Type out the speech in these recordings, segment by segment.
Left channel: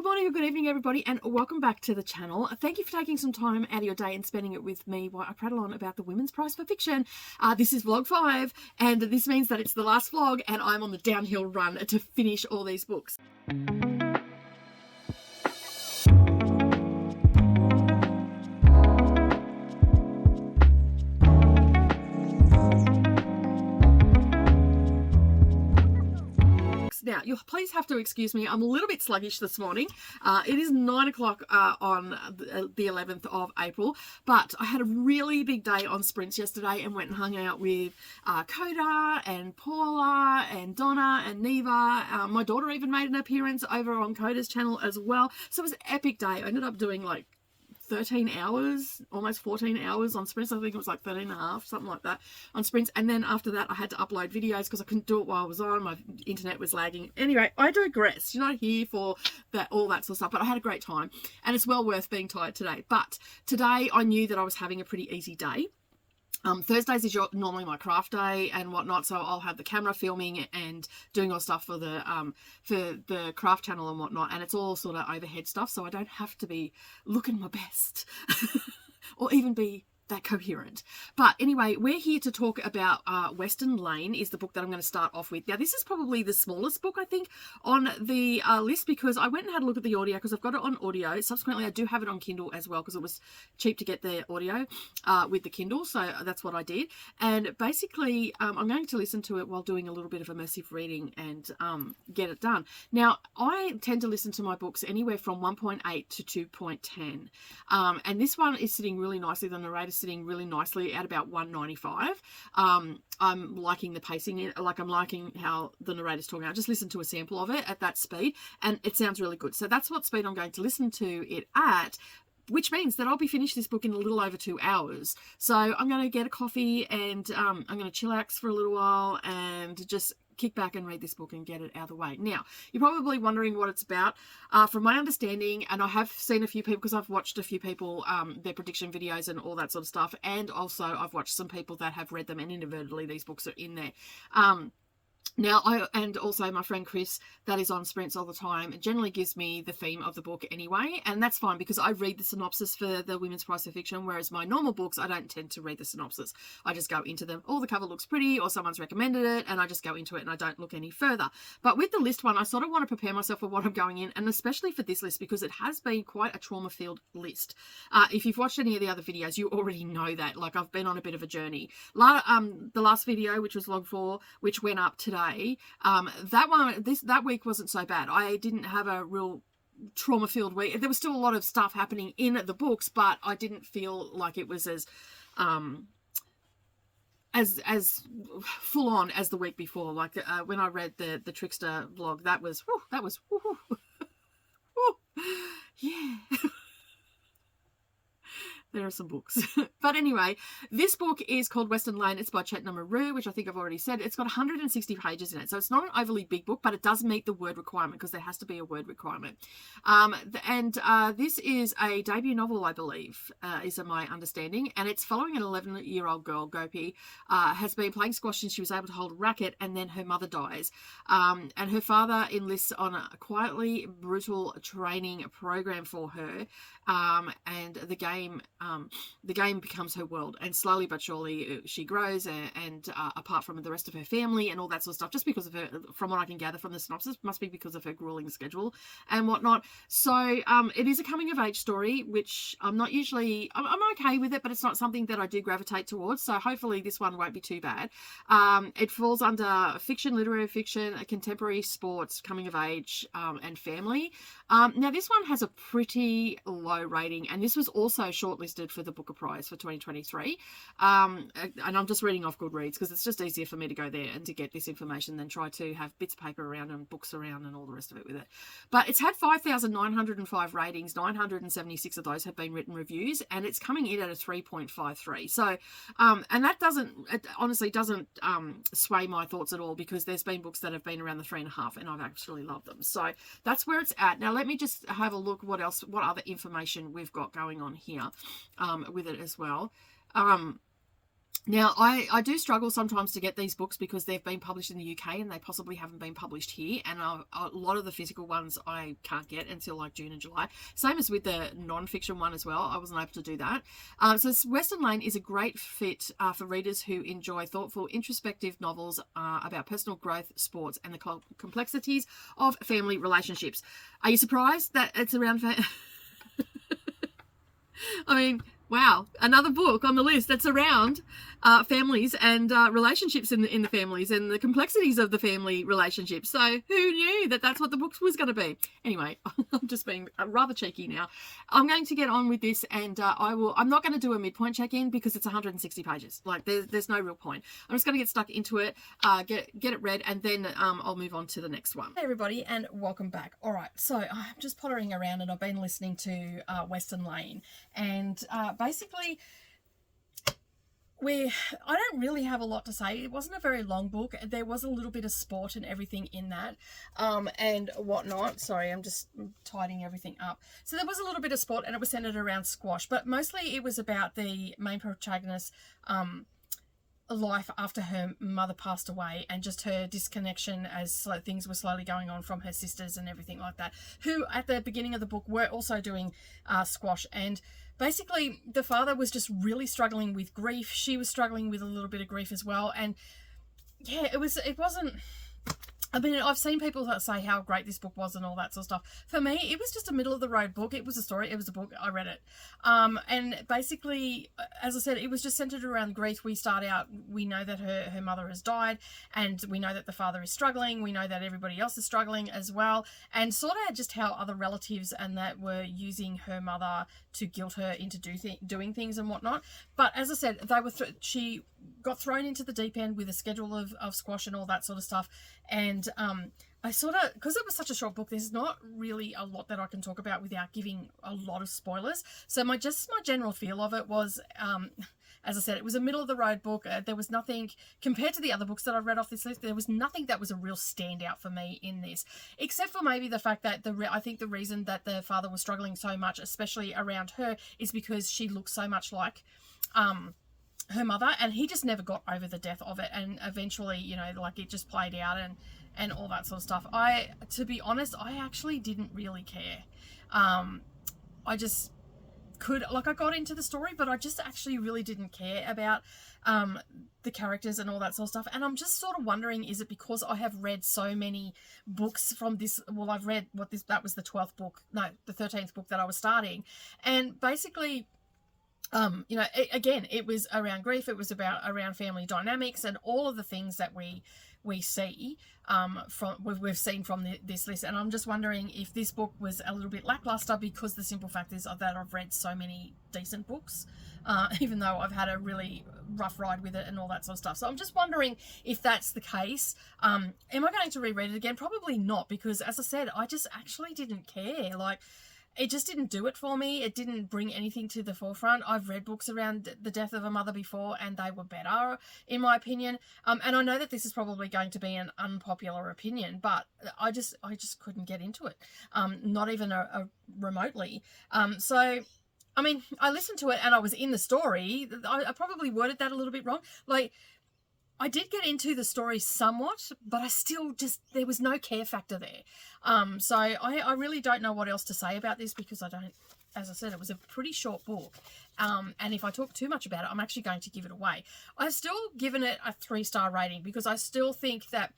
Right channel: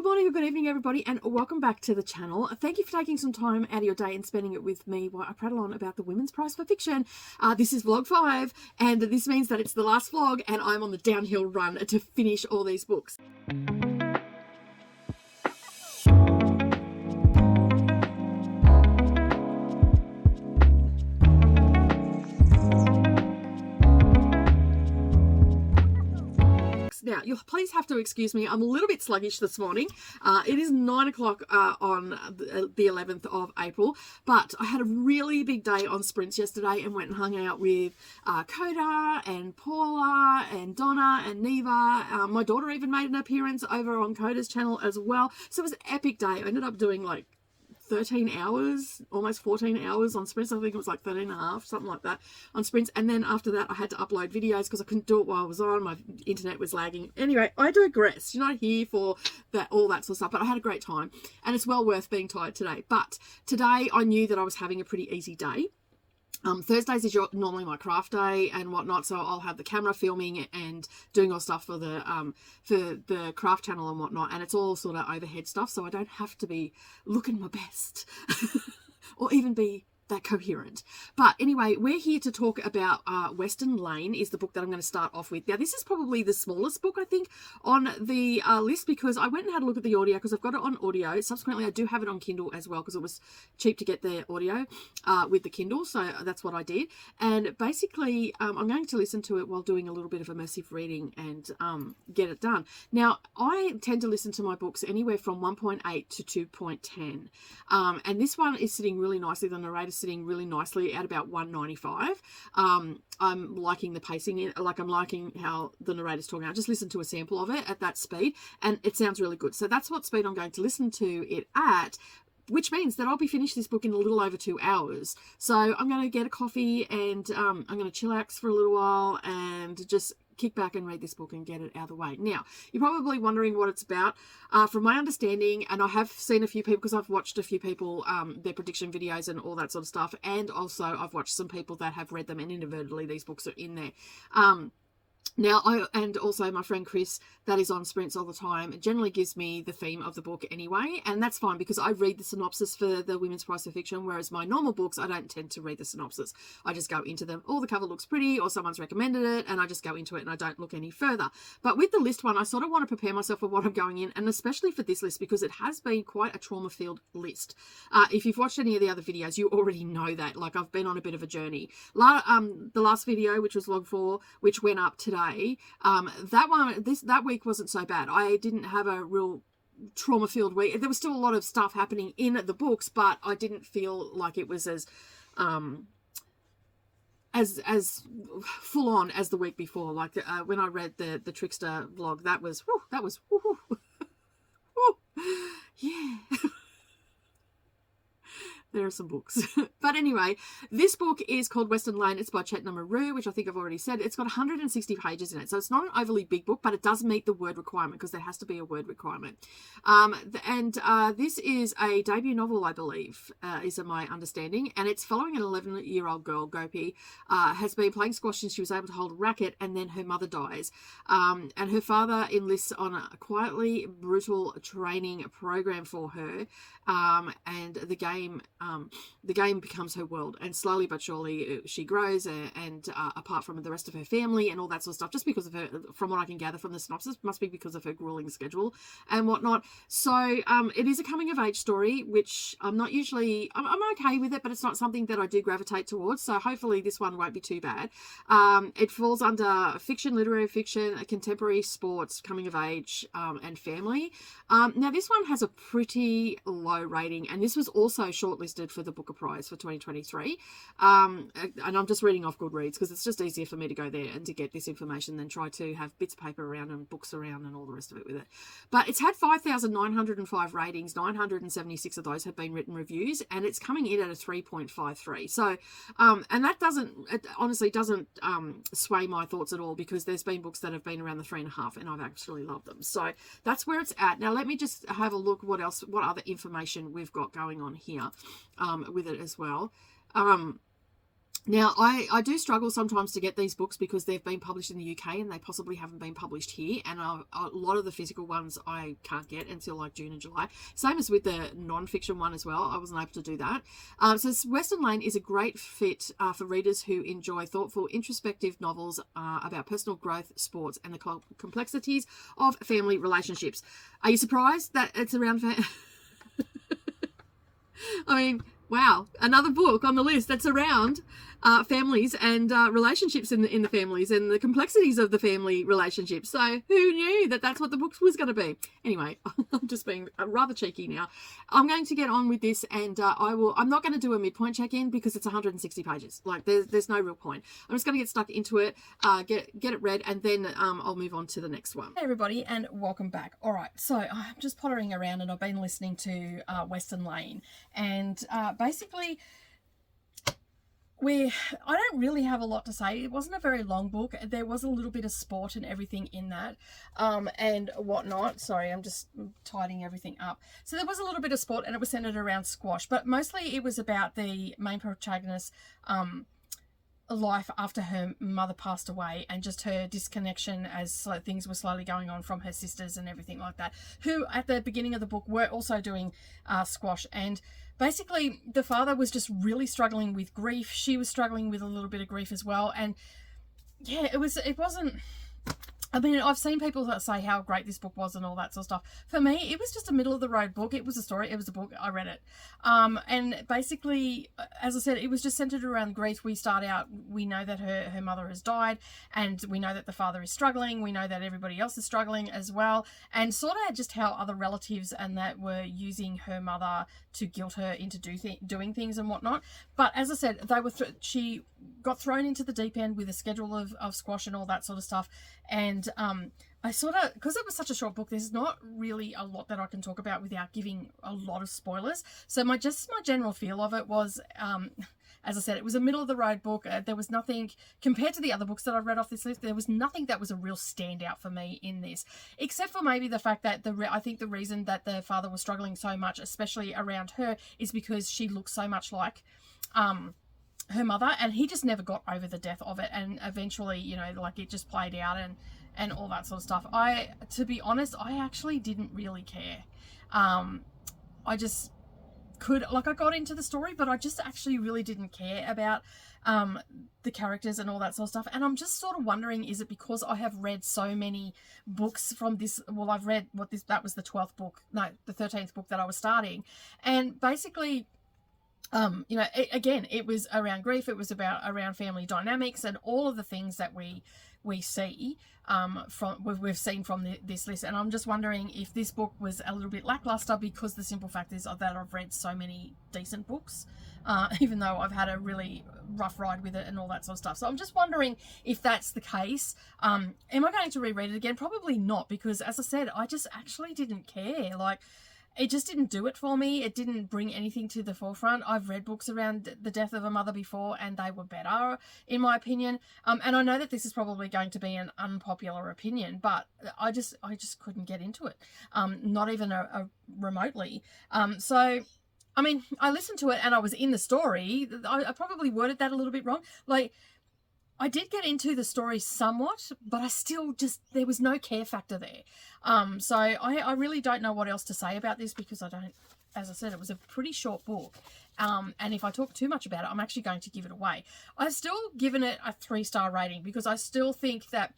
Good morning or good evening, everybody, and welcome back to the channel. Thank you for taking some time out of your day and spending it with me while I prattle on about the Women's Prize for Fiction. This is vlog 5, and this means that it's the last vlog, and I'm on the downhill run to finish all these books. Now, you'll please have to excuse me. I'm a little bit sluggish this morning. It is 9 o'clock on the 11th of April, but I had a really big day on sprints yesterday and went and hung out with Coda and Paula and Donna and Neva. My daughter even made an appearance over on Coda's channel as well. So it was an epic day. I ended up doing like 13 hours, almost 14 hours on sprints. I think it was like 13 and a half, something like that on sprints. And then after that, I had to upload videos because I couldn't do it while I was on. My internet was lagging. Anyway, I digress. You're not here for that, all that sort of stuff, but I had a great time and it's well worth being tired today. But today I knew that I was having a pretty easy day. Thursdays is normally my craft day and whatnot, so I'll have the camera filming and doing all stuff for the craft channel and whatnot, and it's all sort of overhead stuff, so I don't have to be looking my best or even be that coherent. But anyway, we're here to talk about Western Lane is the book that I'm going to start off with. Now, this is probably the smallest book, I think, on the list because I went and had a look at the audio because I've got it on audio. Subsequently, I do have it on Kindle as well because it was cheap to get the audio with the Kindle, so that's what I did. And basically, I'm going to listen to it while doing a little bit of immersive reading and get it done. Now, I tend to listen to my books anywhere from 1.8 to 2.10. And this one is sitting really nicely. The narrator's sitting really nicely at about 195. I'm liking the pacing, like I'm liking how the narrator's talking. I just listened to a sample of it at that speed and it sounds really good. So that's what speed I'm going to listen to it at, which means that I'll be finished this book in a little over 2 hours. So I'm going to get a coffee and I'm going to chillax for a little while and just kick back and read this book and get it out of the way. Now, you're probably wondering what it's about. From my understanding, and I have seen a few people, because I've watched a few people, their prediction videos and all that sort of stuff, and also I've watched some people that have read them, and inadvertently these books are in there. Now, and also my friend Chris, that is on sprints all the time, generally gives me the theme of the book anyway, and that's fine because I read the synopsis for the Women's Prize for Fiction, whereas my normal books, I don't tend to read the synopsis. I just go into them. Oh, the cover looks pretty, or someone's recommended it, and I just go into it and I don't look any further. But with the list one, I sort of want to prepare myself for what I'm going in, and especially for this list because it has been quite a trauma-filled list. If you've watched any of the other videos, you already know that. Like, I've been on a bit of a journey. The last video, which was log 4, which went up today, that week wasn't so bad. I didn't have a real trauma-filled week. There was still a lot of stuff happening in the books, but I didn't feel like it was as full on as the week before. Like when I read the Trickster vlog, that was yeah. There are some books. But anyway, this book is called Western Lane. It's by Chetna Maru, which I think I've already said. It's got 160 pages in it. So it's not an overly big book, but it does meet the word requirement because there has to be a word requirement. This is a debut novel, I believe, is my understanding. And it's following an 11-year-old girl, Gopi, has been playing squash since she was able to hold a racket, and then her mother dies. And her father enlists on a quietly brutal training program for her. And the game becomes her world, and slowly but surely she grows and apart from the rest of her family and all that sort of stuff, just because of her, from what I can gather from the synopsis, must be because of her grueling schedule and whatnot. So it is a coming of age story, which I'm okay with it, but it's not something that I do gravitate towards, so hopefully this one won't be too bad. It falls under fiction, literary fiction, contemporary sports, coming of age, and family. Now this one has a pretty low rating, and this was also shortlisted for the Booker Prize for 2023. And I'm just reading off Goodreads because it's just easier for me to go there and to get this information than try to have bits of paper around and books around and all the rest of it with it. But it's had 5,905 ratings, 976 of those have been written reviews, and it's coming in at a 3.53. So, and that honestly doesn't sway my thoughts at all, because there's been books that have been around the 3.5 and I've actually loved them. So that's where it's at. Now let me just have a look what other information we've got going on here with it as well. Now, I do struggle sometimes to get these books because they've been published in the UK and they possibly haven't been published here. And a lot of the physical ones I can't get until like June and July. Same as with the non-fiction one as well. I wasn't able to do that. So Western Lane is a great fit for readers who enjoy thoughtful, introspective novels about personal growth, sports, and the complexities of family relationships. Are you surprised that it's around... I mean, wow, another book on the list that's around families and relationships in the families and the complexities of the family relationships. So who knew that that's what the book was going to be? Anyway, I'm just being rather cheeky now. I'm going to get on with this, and I'm not going to do a midpoint check-in because it's 160 pages. Like there's no real point. I'm just going to get stuck into it, get it read, and then I'll move on to the next one. Hey everybody, and welcome back. All right, so I'm just pottering around, and I've been listening to Western Lane, and basically, I don't really have a lot to say. It wasn't a very long book. There was a little bit of sport and everything in that, and whatnot. Sorry, I'm just tidying everything up. So there was a little bit of sport, and it was centered around squash, but mostly it was about the main protagonist's life after her mother passed away, and just her disconnection as things were slowly going on from her sisters and everything like that, who at the beginning of the book were also doing squash. And basically the father was just really struggling with grief. She was struggling with a little bit of grief as well. And yeah, it wasn't, I mean, I've seen people that say how great this book was and all that sort of stuff. For me, it was just a middle of the road book. It was a story. It was a book. I read it. And basically, as I said, it was just centered around grief. We start out, we know that her mother has died, and we know that the father is struggling. We know that everybody else is struggling as well. And sort of just how other relatives and that were using her mother to guilt her into doing things and whatnot. But as I said, she got thrown into the deep end with a schedule of squash and all that sort of stuff. And I sort of, because it was such a short book, there's not really a lot that I can talk about without giving a lot of spoilers. So my general feel of it was, as I said, it was a middle of the road book. There was nothing, compared to the other books that I've read off this list, there was nothing that was a real standout for me in this, except for maybe the fact that I think the reason that the father was struggling so much, especially around her, is because she looks so much like her mother, and he just never got over the death of it. And eventually, you know, like, it just played out and all that sort of stuff. To be honest, I actually didn't really care. I just I got into the story, but I just actually really didn't care about the characters and all that sort of stuff. And I'm just sort of wondering, is it because I have read so many books from this? Well, I've read that was the 12th book, no, the 13th book that I was starting. And basically, you know, again, it was around grief. It was around family dynamics and all of the things that we see we've seen from this list. And I'm just wondering if this book was a little bit lackluster because the simple fact is that I've read so many decent books, even though I've had a really rough ride with it and all that sort of stuff. So I'm just wondering if that's the case. Am I going to reread it again? Probably not, because as I said, I just actually didn't care. Like, it just didn't do it for me. It didn't bring anything to the forefront. I've read books around the death of a mother before, and they were better, in my opinion. And I know that this is probably going to be an unpopular opinion, but I just couldn't get into it. Not even remotely. So, I mean, I listened to it and I was in the story. I probably worded that a little bit wrong. Like, I did get into the story somewhat, but I still there was no care factor there. So I really don't know what else to say about this, because as I said, it was a pretty short book. And if I talk too much about it, I'm actually going to give it away. I've still given it a 3-star rating, because I still think that,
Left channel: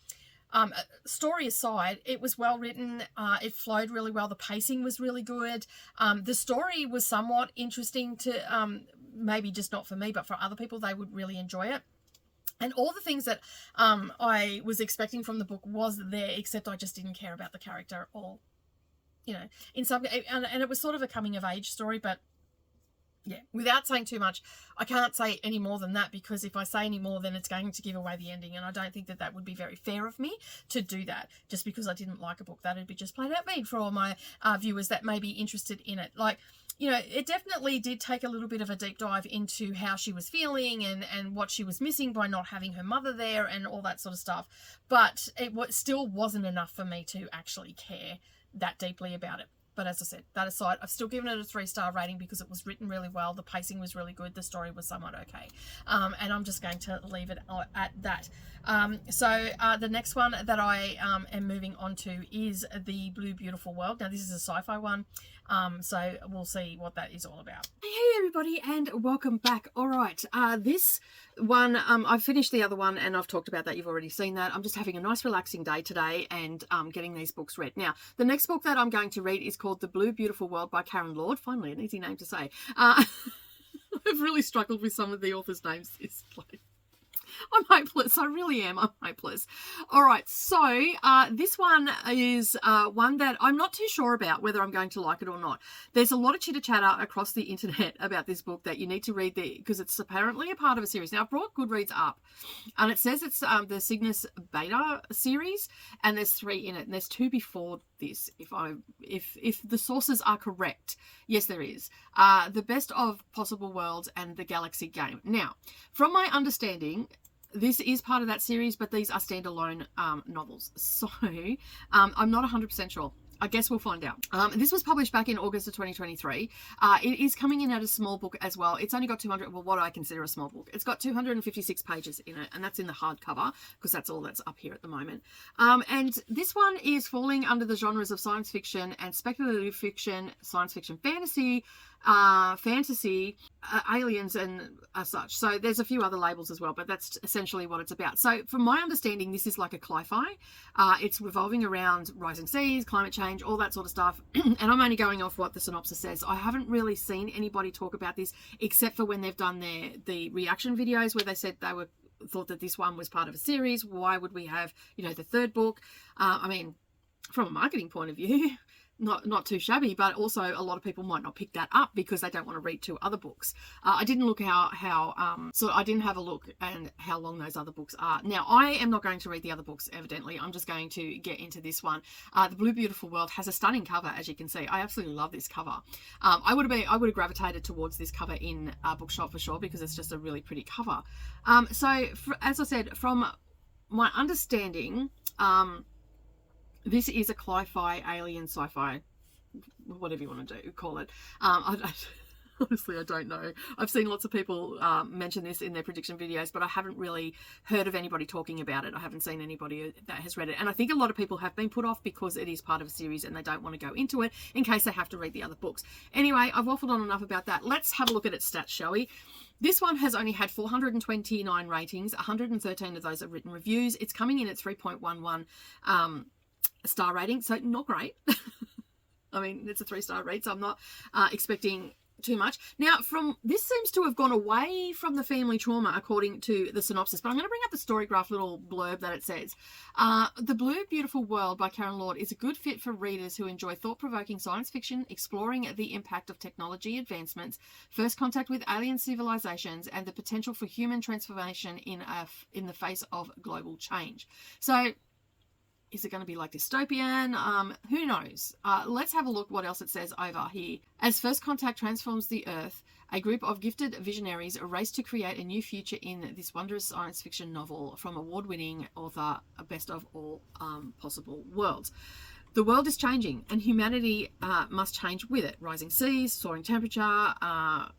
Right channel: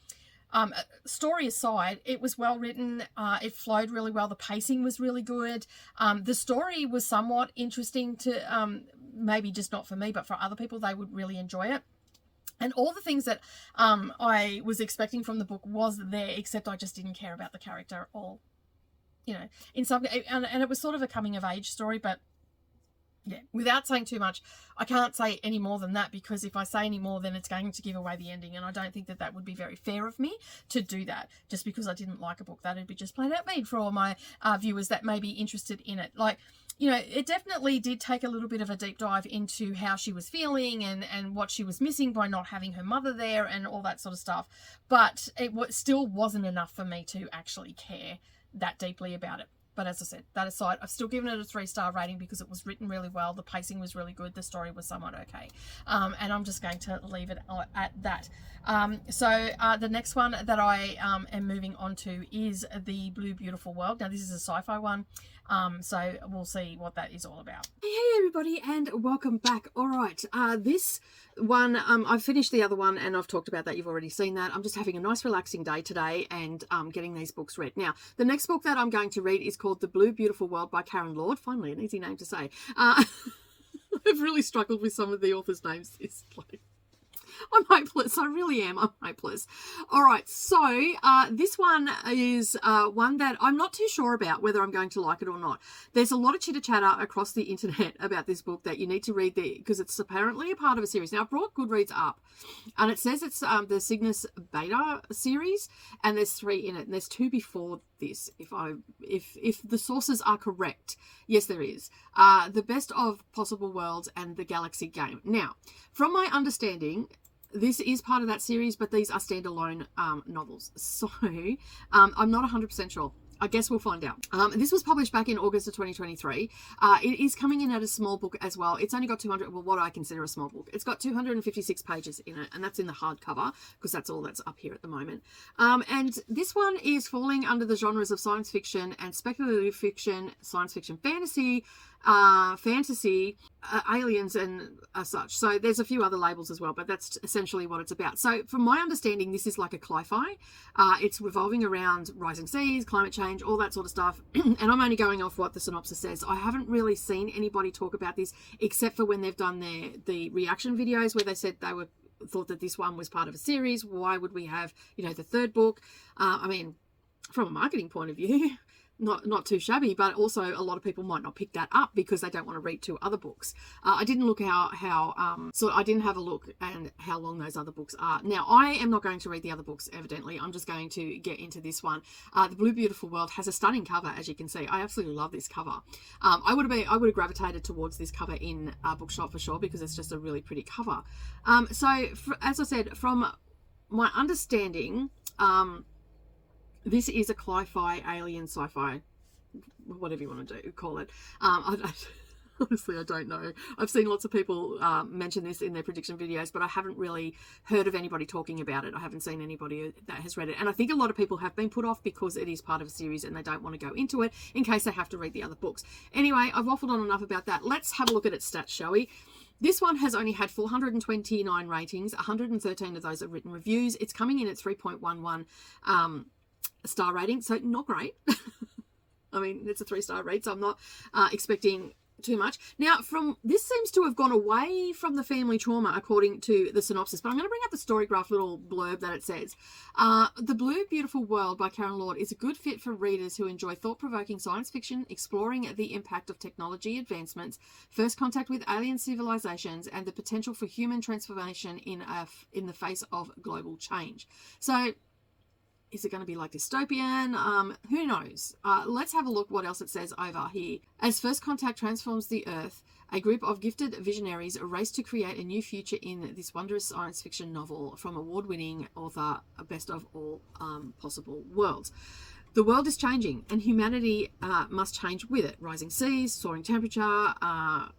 story aside, it was well written. It flowed really well. The pacing was really good. The story was somewhat interesting to, maybe just not for me, but for other people, they would really enjoy it. And all the things that I was expecting from the book was there, except I just didn't care about the character, or, you know, and it was sort of a coming of age story. But yeah, without saying too much, I can't say any more than that, because if I say any more, then it's going to give away the ending, and I don't think that would be very fair of me to do that just because I didn't like a book. That'd be just plain out mean for all my viewers that may be interested in it. Like, you know, it definitely did take a little bit of a deep dive into how she was feeling and what she was missing by not having her mother there and all that sort of stuff. But it still wasn't enough for me to actually care that deeply about it. But as I said, that aside, I've still given it a 3-star rating because it was written really well. The pacing was really good. The story was somewhat okay. And I'm just going to leave it at that. So the next one that I am moving on to is The Blue Beautiful World. Now, this is a sci-fi one. So we'll see what that is all about. Hey everybody, and welcome back. All right, this one, I've finished the other one and I've talked about that. You've already seen that. I'm just having a nice relaxing day today and getting these books read. Now, the next book that I'm going to read is called The Blue Beautiful World by Karen Lord. Finally, an easy name to say. I've really struggled with some of the authors' names this week. I'm hopeless. I really am. I'm hopeless. All right. So this one is one that I'm not too sure about whether I'm going to like it or not. There's a lot of chitter-chatter across the internet about this book that you need to read because it's apparently a part of a series. Now, I've brought Goodreads up and it says it's the Cygnus Beta series and there's 3 in it and there's 2 before this. If the sources are correct, yes, there is. The Best of Possible Worlds and The Galaxy Game. Now, from my understanding, this is part of that series, but these are standalone novels. So I'm not 100% sure. I guess we'll find out. This was published back in August of 2023. It is coming in at a small book as well. It's only got 200, well, what I consider a small book. It's got 256 pages in it, and that's in the hardcover because that's all that's up here at the moment. And this one is falling under the genres of science fiction and speculative fiction, science fiction fantasy, aliens and such. So there's a few other labels as well, but that's essentially what it's about. So from my understanding, this is like a cli-fi. It's revolving around rising seas, climate change, all that sort of stuff. And I'm only going off what the synopsis says. I haven't really seen anybody talk about this except for when they've done the reaction videos where they said they thought that this one was part of a series. Why would we have, the 3rd book? I mean, from a marketing point of view, not too shabby, but also a lot of people might not pick that up because they don't want to read 2 other books. I didn't look so I didn't have a look at how long those other books are. Now, I am not going to read the other books, evidently. I'm just going to get into this one. The Blue Beautiful World has a stunning cover, as you can see. I absolutely love this cover. I would have gravitated towards this cover in a bookshop for sure because it's just a really pretty cover. As I said, from my understanding, this is a cli-fi, alien, sci-fi, whatever you want to call it. Honestly, I don't know. I've seen lots of people mention this in their prediction videos, but I haven't really heard of anybody talking about it. I haven't seen anybody that has read it. And I think a lot of people have been put off because it is part of a series and they don't want to go into it in case they have to read the other books. Anyway, I've waffled on enough about that. Let's have a look at its stats, shall we? This one has only had 429 ratings. 113 of those are written reviews. It's coming in at 3.11 star rating, so not great. I mean, it's a 3-star rate, so I'm not expecting too much. Now, this seems to have gone away from the family trauma according to the synopsis, but I'm going to bring up the Storygraph little blurb that it says. The Blue Beautiful World by Karen Lord is a good fit for readers who enjoy thought-provoking science fiction, exploring the impact of technology advancements, first contact with alien civilizations, and the potential for human transformation in the face of global change. So, is it going to be like dystopian? Who knows? Let's have a look what else it says over here. As first contact transforms the Earth, a group of gifted visionaries race to create a new future in this wondrous science fiction novel from award-winning author Best of All Possible Worlds. The world is changing and humanity must change with it. Rising seas, soaring temperature,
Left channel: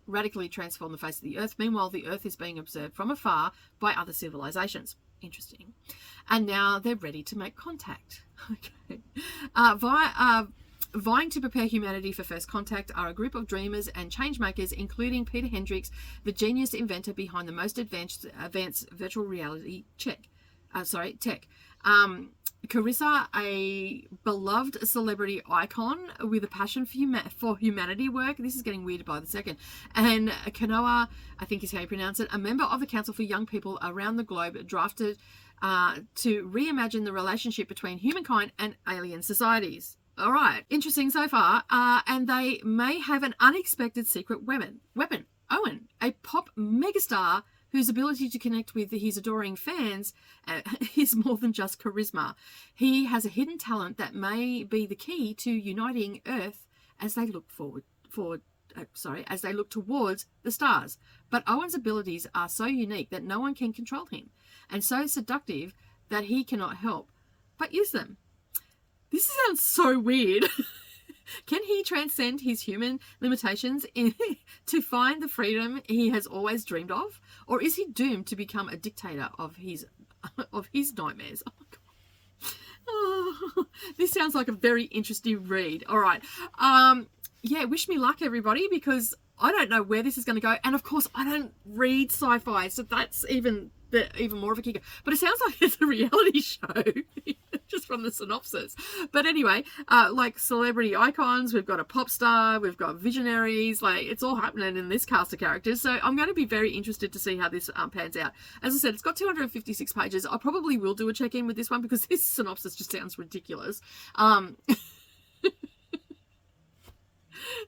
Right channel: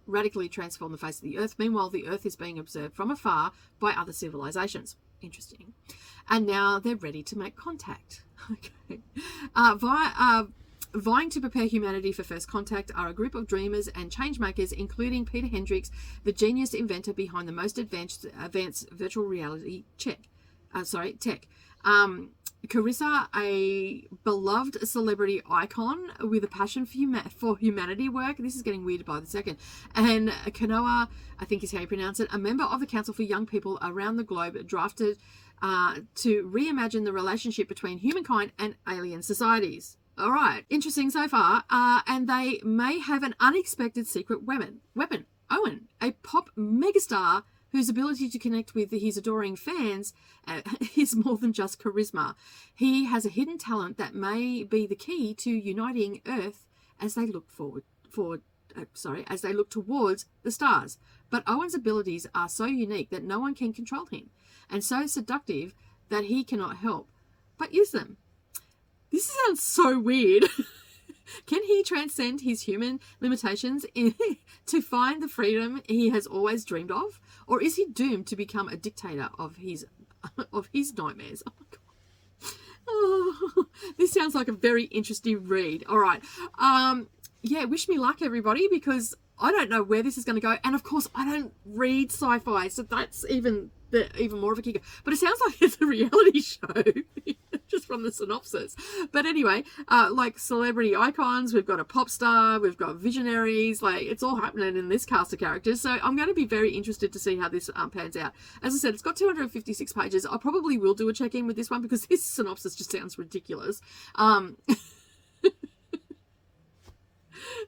radically transform the face of the Earth. Meanwhile, the Earth is being observed from afar by other civilizations. Interesting. And now they're ready to make contact. Okay. Vying to prepare humanity for first contact are a group of dreamers and change makers, including Peter Hendricks, the genius inventor behind the most advanced virtual reality tech. Carissa, a beloved celebrity icon with a passion for humanity work. This is getting weird by the second. And Kanoa, I think is how you pronounce it, a member of the Council for Young People around the globe, drafted to reimagine the relationship between humankind and alien societies. All right, interesting so far. And they may have an unexpected secret weapon. Owen, a pop megastar whose ability to connect with his adoring fans is more than just charisma. He has a hidden talent that may be the key to uniting Earth as they look as they look towards the stars. But Owen's abilities are so unique that no one can control him, and so seductive that he cannot help but use them. This sounds so weird. Can he transcend his human limitations to find the freedom he has always dreamed of? Or is he doomed to become a dictator of his nightmares? Oh my God. Oh, this sounds like a very interesting read. All right. Yeah, wish me luck, everybody, because I don't know where this is going to go. And of course, I don't read sci-fi, so that's even more of a kicker. But it sounds like it's a reality show, just from the synopsis. But anyway, like celebrity icons, we've got a pop star, we've got visionaries, like it's all happening in this cast of characters. So I'm going to be very interested to see how this pans out. As I said, it's got 256 pages. I probably will do a check-in with this one because this synopsis just sounds ridiculous.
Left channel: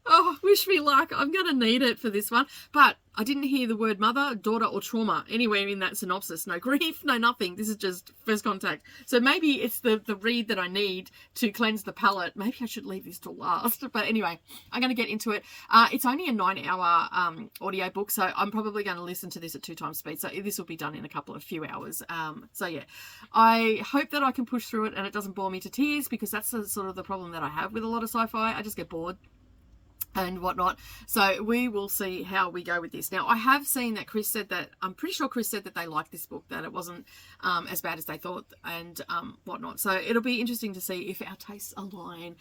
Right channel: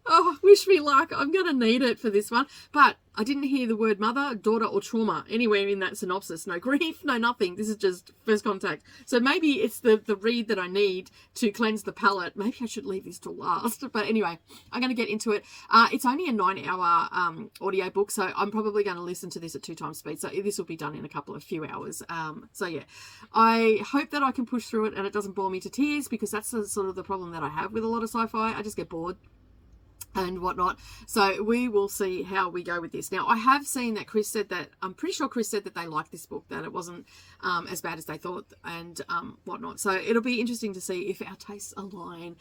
Oh, wish me luck. I'm going to need it for this one. But I didn't hear the word mother, daughter, or trauma anywhere in that synopsis. No grief, no nothing. This is just first contact. So maybe it's the read that I need to cleanse the palate. Maybe I should leave this till last. But anyway, I'm going to get into it. It's only a 9-hour audio book, so I'm probably going to listen to this at 2 times speed. So this will be done in a few hours. So yeah, I hope that I can push through it and it doesn't bore me to tears, because that's sort of the problem that I have with a lot of sci-fi. I just get bored and whatnot. So we will see how we go with this. Now, I have seen that Chris said that, I'm pretty sure Chris said that they liked this book, that it wasn't as bad as they thought and whatnot. So it'll be interesting to see if our tastes align,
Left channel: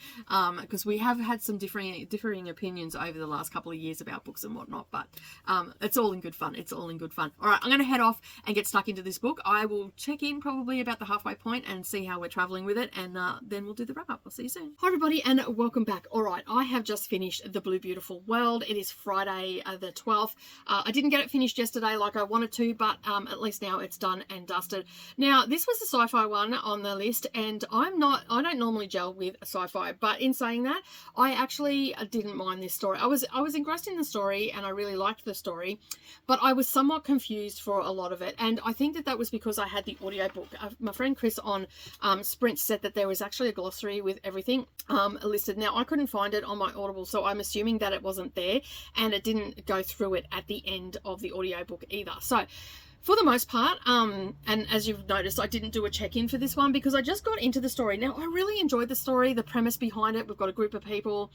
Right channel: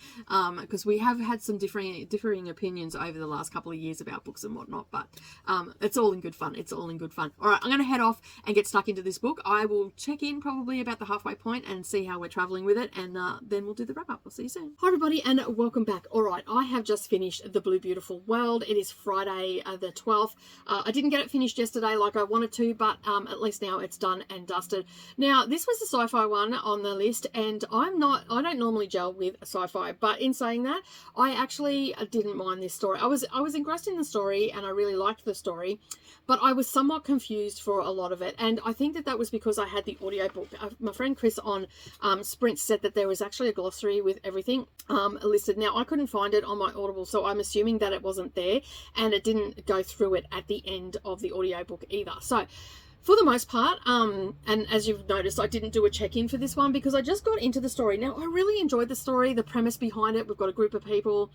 because we have had some differing opinions over the last couple of years about books and whatnot, but it's all in good fun. It's all in good fun. All right, I'm going to head off and get stuck into this book. I will check in probably about the halfway point and see how we're traveling with it, and then we'll do the wrap up. We'll see you soon. Hi everybody, and welcome back. All right, I have just finished The Blue Beautiful World. It is Friday the 12th. I didn't get it finished yesterday like I wanted to, but at least now it's done and dusted. Now, this was a sci-fi one on the list, and I don't normally gel with sci-fi, but in saying that, I actually didn't mind this story. I was engrossed in the story and I really liked the story, but I was somewhat confused for a lot of it, and I think that was because I had the audiobook. My friend Chris on Sprint said that there was actually a glossary with everything listed. Now, I couldn't find it on my Audible, so I'm assuming that it wasn't there, and it didn't go through it at the end of the audiobook either. So for the most part, and as you've noticed, I didn't do a check-in for this one because I just got into the story. Now, I really enjoyed the story, the premise behind it. We've got a group of people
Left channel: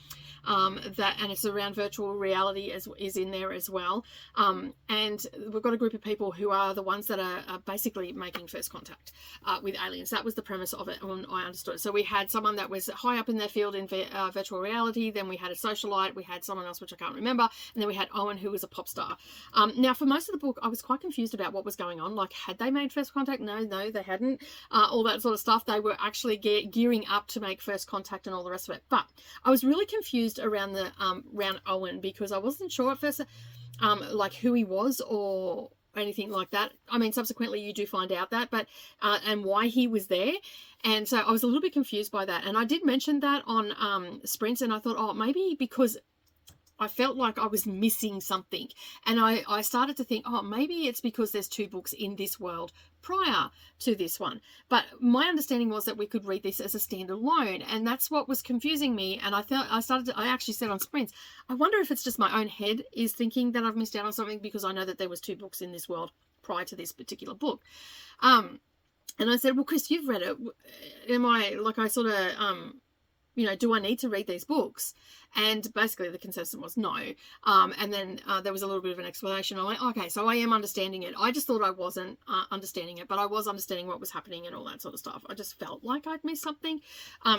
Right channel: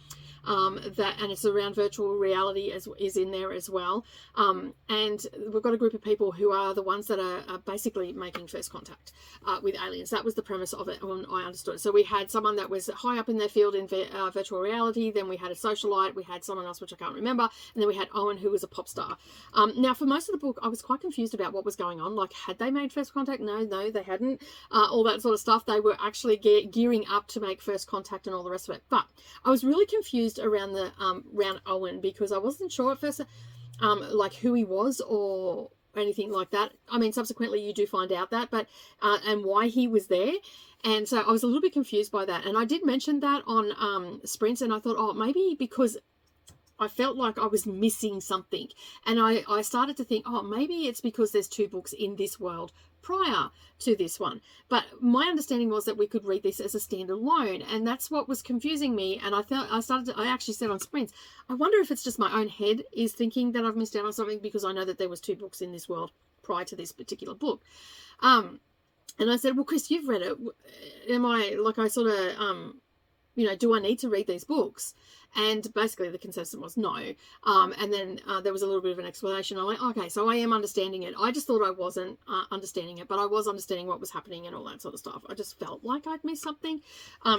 and it's around virtual reality is in there as well. And we've got a group of people who are the ones that are basically making first contact with aliens. That was the premise of it, I understood. So we had someone that was high up in their field in virtual reality. Then we had a socialite. We had someone else, which I can't remember. And then we had Owen, who was a pop star. Now, for most of the book, I was quite confused about what was going on. Like, had they made first contact? No, they hadn't. All that sort of stuff. They were actually gearing up to make first contact and all the rest of it. But I was really confused around the around Owen, because I wasn't sure at first like who he was or anything like that. I mean, subsequently you do find out that, but and why he was there. And so I was a little bit confused by that. And I did mention that on Sprint, and I thought, oh, maybe because I felt like I was missing something. And I started to think, oh, maybe it's because there's 2 books in this world prior to this one. But my understanding was that we could read this as a standalone, and that's what was confusing me. And I actually said on Sprints, I wonder if it's just my own head is thinking that I've missed out on something, because I know that there was 2 books in this world prior to this particular book. And I said, well, Chris, you've read it. Am I, like, I sort of, do I need to read these books? And basically the consensus was no. And then there was a little bit of an explanation. I'm like, okay, so I am understanding it. I just thought I wasn't understanding it, but I was understanding what was happening and all that sort of stuff. I just felt like I'd missed something.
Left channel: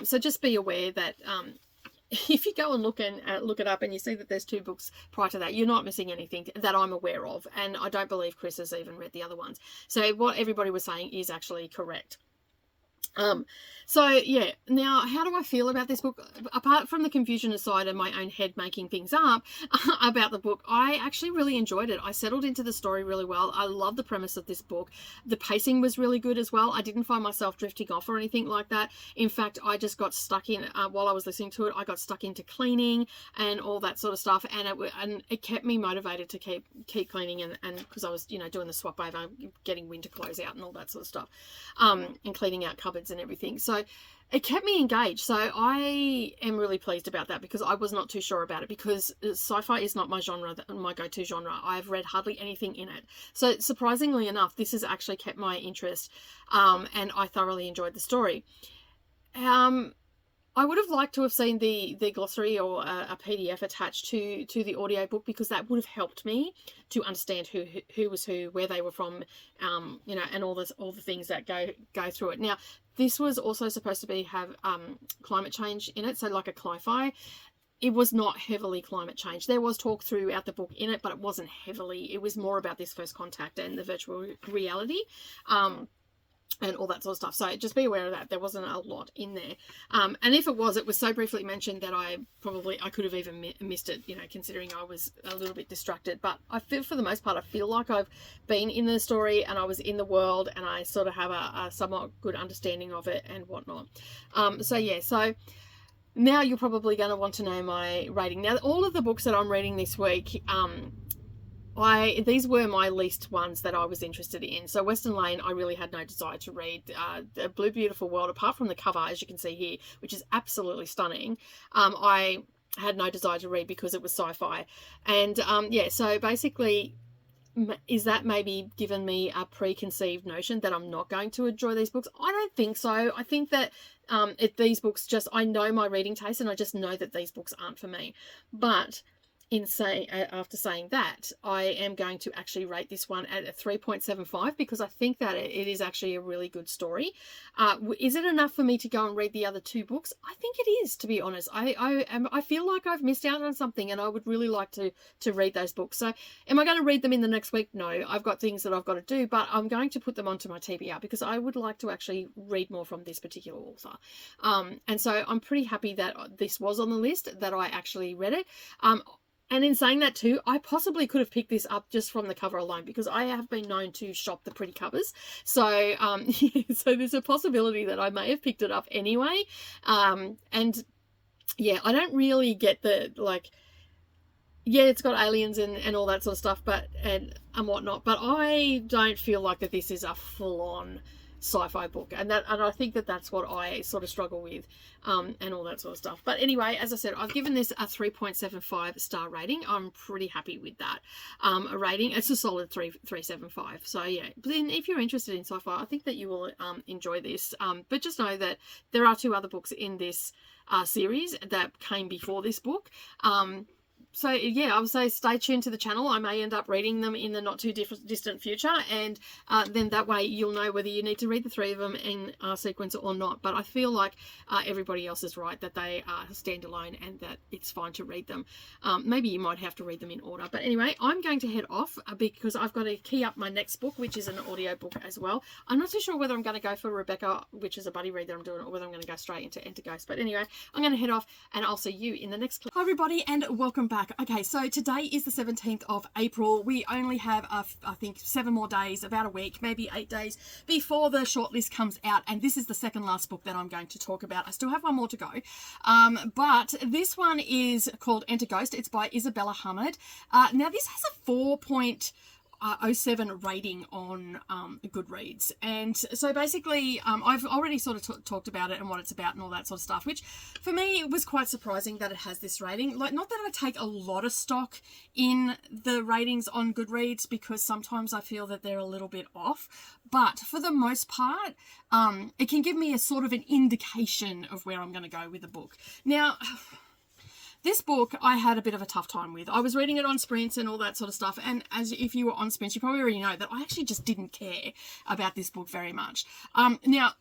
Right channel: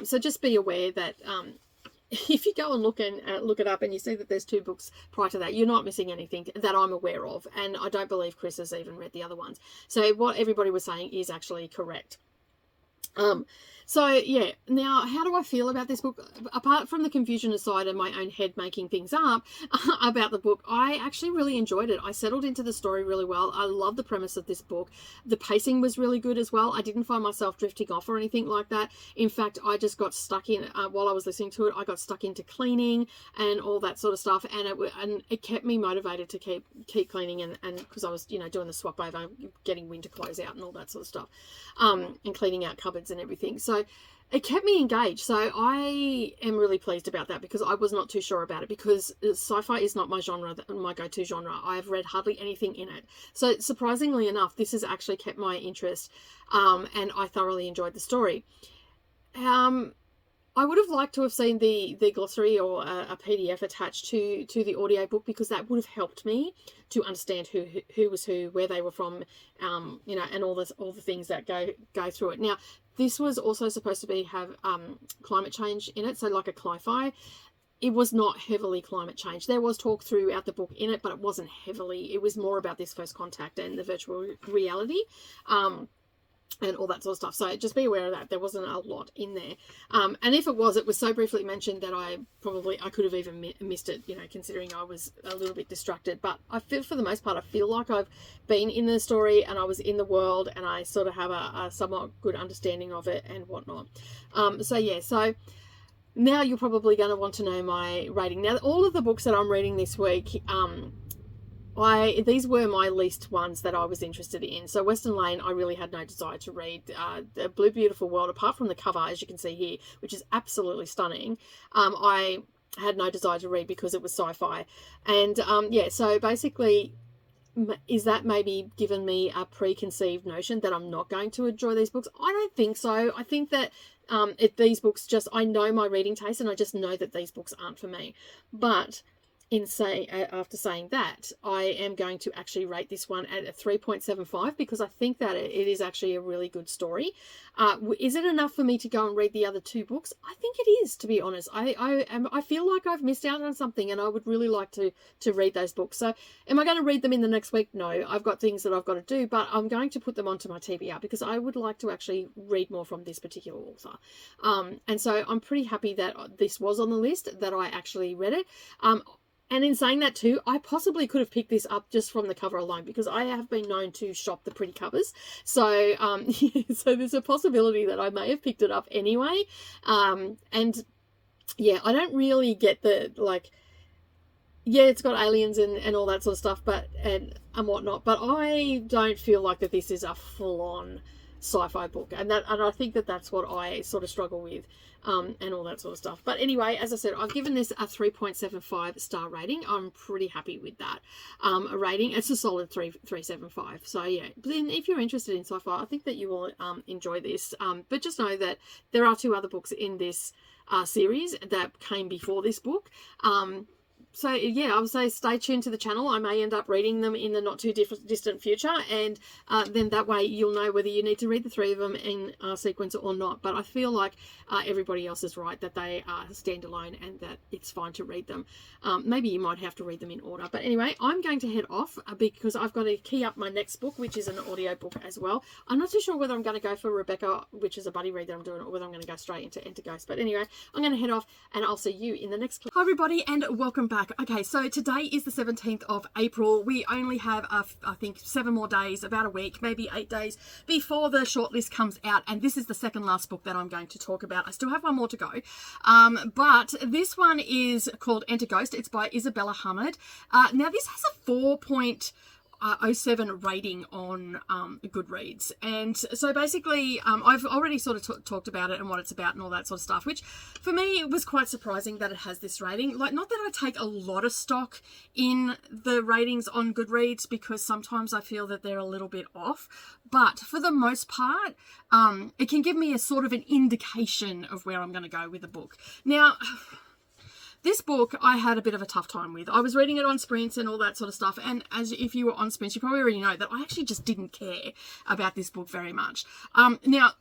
So just be aware that if you go and look it up and you see that there's 2 books prior to that, you're not missing anything that I'm aware of. And I don't believe Chris has even read the other ones. So what everybody was saying is actually correct. So yeah, now how do I feel about this book? Apart from the confusion aside and my own head making things up about the book, I actually really enjoyed it. I settled into the story really well. I love the premise of this book. The pacing was really good as well. I didn't find myself drifting off or anything like that. In fact, I just got stuck in, while I was listening to it, I got stuck into cleaning and all that sort of stuff. And it kept me motivated to keep cleaning, and because I was, doing the swap over, getting winter clothes out and all that sort of stuff, and cleaning out cupboards and everything. So it kept me engaged. So I am really pleased about that, because I was not too sure about it, because sci-fi is not my genre, my go-to genre. I've read hardly anything in it. So surprisingly enough, this has actually kept my interest, and I thoroughly enjoyed the story. I would have liked to have seen the glossary or a PDF attached to the audiobook, because that would have helped me to understand who was who, where they were from, you know, and all the things that go through it. Now, this was also supposed to have climate change in it, so like a cli-fi. It was not heavily climate change. There was talk throughout the book in it, but it wasn't heavily. It was more about this first contact and the virtual reality. And all that sort of stuff. So just be aware of that. There wasn't a lot in there. And if it was so briefly mentioned that I could have even missed it, you know, considering I was a little bit distracted. But I feel, for the most part, I feel like I've been in the story and I was in the world, and I sort of have a somewhat good understanding of it and whatnot. So now you're probably going to want to know my rating. Now, all of the books that I'm reading this week, these were my least ones that I was interested in. So Western Lane, I really had no desire to read. The Blue Beautiful World, apart from the cover, as you can see here, which is absolutely stunning, I had no desire to read because it was sci-fi. And so basically, is that maybe given me a preconceived notion that I'm not going to enjoy these books? I don't think so. I think that these books, I know my reading taste, and I just know that these books aren't for me. But after saying that, I am going to actually rate this one at a 3.75, because I think that it is actually a really good story. Is it enough for me to go and read the other two books? I think it is, to be honest. I feel like I've missed out on something, and I would really like to read those books. So am I going to read them in the next week? No, I've got things that I've got to do, but I'm going to put them onto my TBR because I would like to actually read more from this particular author. And so I'm pretty happy that this was on the list, that I actually read it. And in saying that too, I possibly could have picked this up just from the cover alone, because I have been known to shop the pretty covers. So, so there's a possibility that I may have picked it up anyway. And yeah, I don't really get the, like, yeah, it's got aliens and all that sort of stuff, but and whatnot. But I don't feel like that this is a full-on sci-fi book, and I think that that's what I sort of struggle with, and all that sort of stuff. But anyway, as I said, I've given this a 3.75 star rating. I'm pretty happy with that rating. It's a solid 3.75. So yeah, then if you're interested in sci-fi, I think that you will enjoy this. But just know that there are two other books in this series that came before this book. So yeah, I would say stay tuned to the channel. I may end up reading them in the not too distant future, and then that way you'll know whether you need to read the three of them in sequence or not. But I feel like everybody else is right, that they are standalone and that it's fine to read them. Maybe you might have to read them in order. But anyway, I'm going to head off because I've got to key up my next book, which is an audio book as well. I'm not too sure whether I'm going to go for Rebecca, which is a buddy read that I'm doing, or whether I'm going to go straight into Enter Ghost. But anyway, I'm going to head off, and I'll see you in the next clip. Hi everybody, and welcome back. Okay, so today is the 17th of April. We only have, I think, 7 more days, about a week, maybe 8 days before the shortlist comes out. And this is the second last book that I'm going to talk about. I still have one more to go. But this one is called Enter Ghost. It's by Isabella Hummard. Now, this has a 4.07 rating on Goodreads, and so basically I've already sort of talked about it and what it's about and all that sort of stuff, which for me it was quite surprising that it has this rating. Like, not that I take a lot of stock in the ratings on Goodreads, because sometimes I feel that they're a little bit off, but for the most part it can give me a sort of an indication of where I'm going to go with the book. Now, this book I had a bit of a tough time with. I was reading it on Sprints and all that sort of stuff, and if you were on Sprints, you probably already know that I actually just didn't care about this book very much. Now,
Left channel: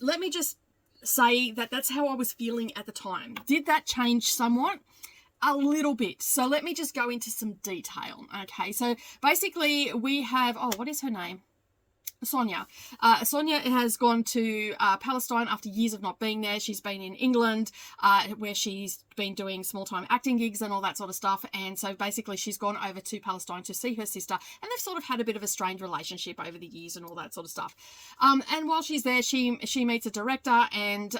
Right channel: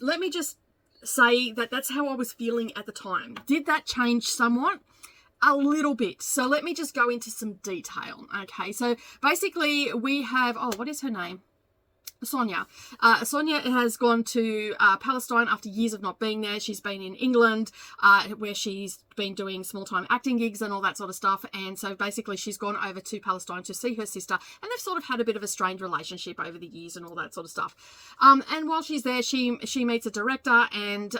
let me just say that that's how I was feeling at the time. Did that change somewhat? A little bit. So let me just go into some detail. Okay, so basically we have, what is her name? Sonia. Sonia has gone to Palestine after years of not being there. She's been in England, where she's been doing small-time acting gigs and all that sort of stuff. And so basically she's gone over to Palestine to see her sister, and they've sort of had a bit of a strained relationship over the years and all that sort of stuff. And while she's there, she meets a director and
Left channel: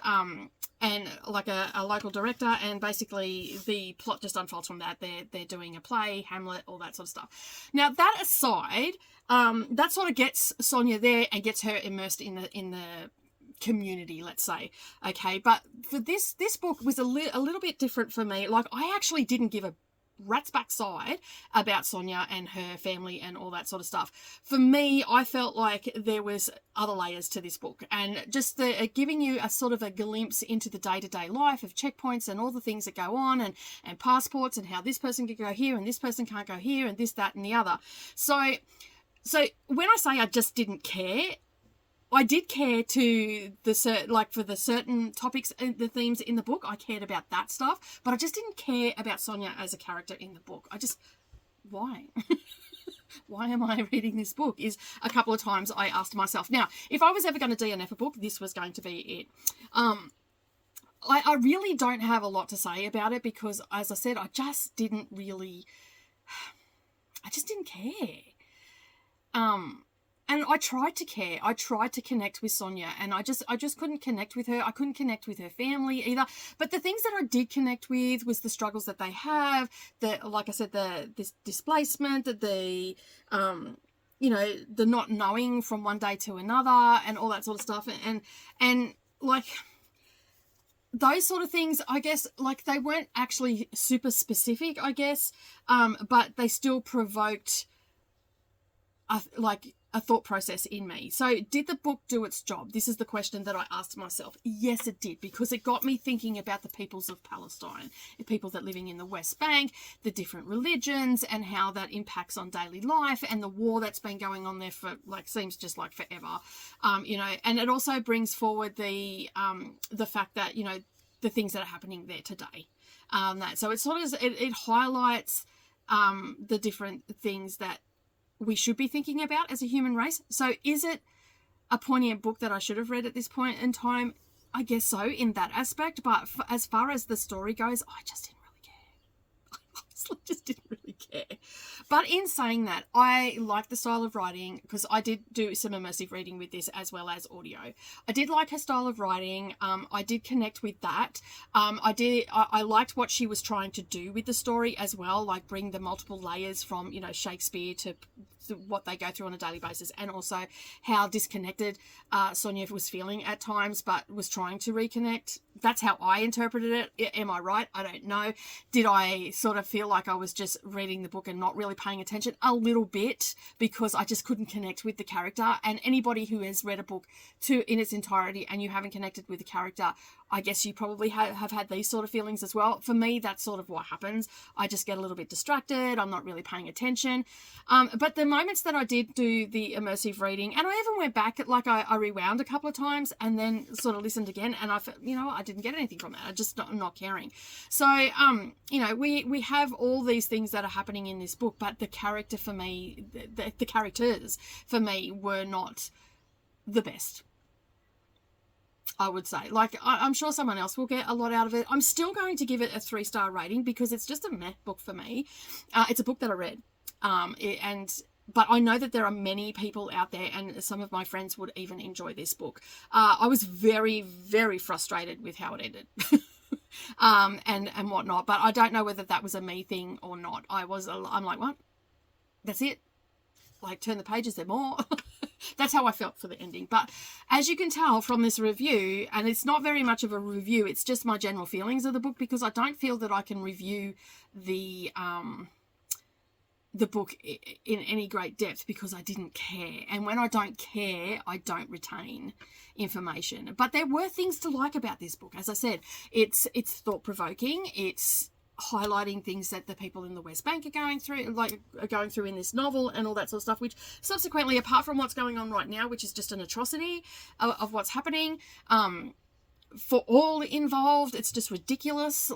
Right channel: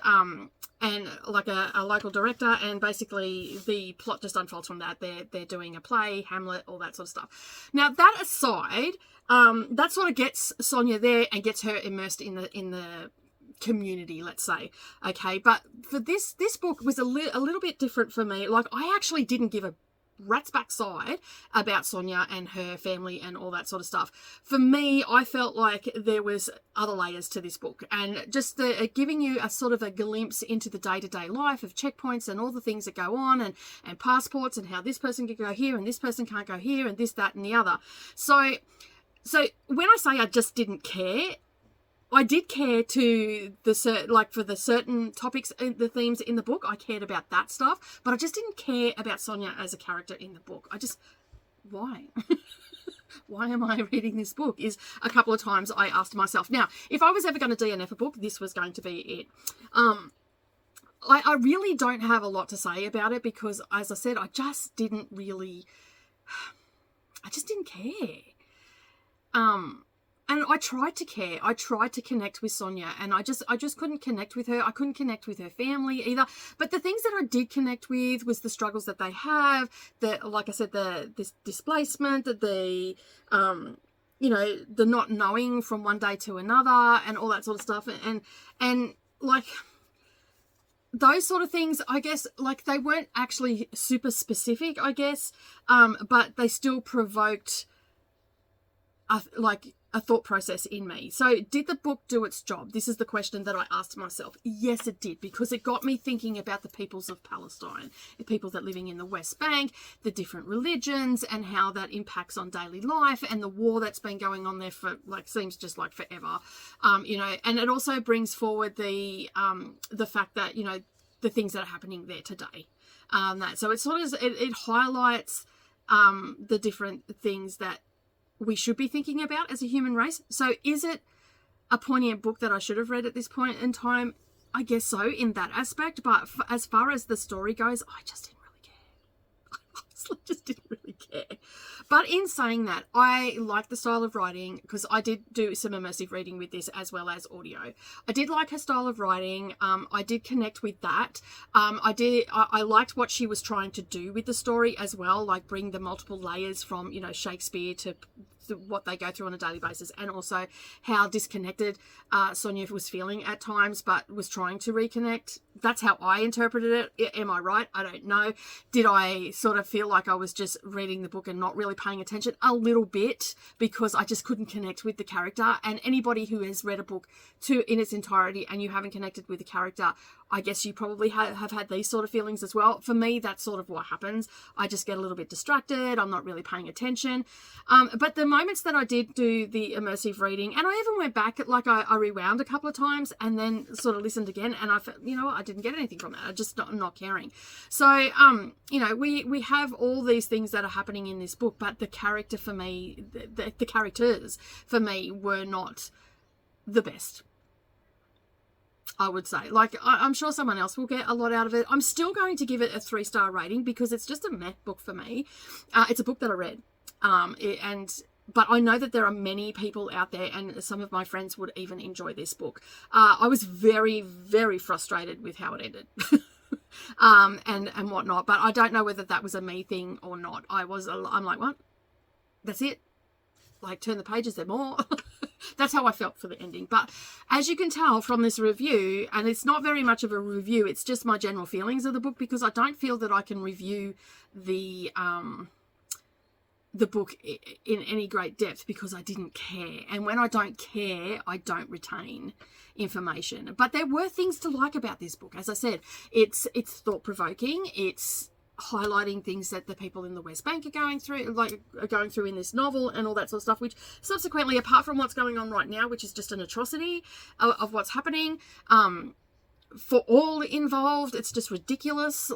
like a local director, and basically the plot just unfolds from that. They're doing a play, Hamlet, all that sort of stuff. Now, that aside, that sort of gets Sonia there and gets her immersed in the community, let's say. Okay, but for this book was a little bit different for me. Like, I actually didn't give a rat's backside about Sonia and her family and all that sort of stuff. For me, I felt like there was other layers to this book, and just giving you a sort of a glimpse into the day-to-day life of checkpoints and all the things that go on, and passports, and how this person can go here and this person can't go here, and this, that, and the other. So when I say I just didn't care, I did care to for the certain topics and the themes in the book. I cared about that stuff, but I just didn't care about Sonia as a character in the book. Why? Why am I reading this book? Is a couple of times I asked myself. Now, if I was ever going to DNF a book, this was going to be it. I really don't have a lot to say about it because, as I said, I just didn't care. And I tried to care. I tried to connect with Sonia, and I just couldn't connect with her. I couldn't connect with her family either. But the things that I did connect with was the struggles that they have, like I said, this displacement, the not knowing from one day to another, and all that sort of stuff, and like those sort of things. I guess like they weren't actually super specific, I guess, but they still provoked a thought process in me. So did the book do its job? This is the question that I asked myself. Yes, it did, because it got me thinking about the peoples of Palestine, the people that are living in the West Bank, the different religions, and how that impacts on daily life, and the war that's been going on there for seems just like forever. And it also brings forward the fact that, the things that are happening there today. So it sort of it highlights the different things that we should be thinking about as a human race. So is it a poignant book that I should have read at this point in time? I guess so, in that aspect. But as far as the story goes, I just didn't really care. I honestly just didn't really care. But in saying that, I like the style of writing, because I did do some immersive reading with this as well as audio. I did like her style of writing. I did connect with that. I liked what she was trying to do with the story as well, like bring the multiple layers from, Shakespeare to what they go through on a daily basis, and also how disconnected Sonia was feeling at times, but was trying to reconnect. That's how I interpreted it. Am I right? I don't know. Did I sort of feel like I was just reading the book and not really paying attention? A little bit, because I just couldn't connect with the character. And anybody who has read a book in its entirety and you haven't connected with the character, I guess you probably have had these sort of feelings as well. For me, that's sort of what happens. I just get a little bit distracted. I'm not really paying attention. But the moments that I did do the immersive reading, and I even went back, I rewound a couple of times and then sort of listened again, and I didn't get anything from it. I'm not caring. So, we have all these things that are happening in this book, but the character for me, the characters for me were not the best, I would say. I'm sure someone else will get a lot out of it. I'm still going to give it a 3-star rating because it's just a meh book for me. It's a book that I read. But I know that there are many people out there, and some of my friends would even enjoy this book. I was very, very frustrated with how it ended. And whatnot. But I don't know whether that was a me thing or not. I'm like, what? That's it? Turn the pages, there more. That's how I felt for the ending. But as you can tell from this review, and it's not very much of a review, it's just my general feelings of the book, because I don't feel that I can review the book in any great depth, because I didn't care. And when I don't care, I don't retain information. But there were things to like about this book. As I said, it's thought-provoking. It's highlighting things that the people in the West Bank are going through in this novel, and all that sort of stuff, which subsequently, apart from what's going on right now, which is just an atrocity of what's happening, for all involved, it's just ridiculous.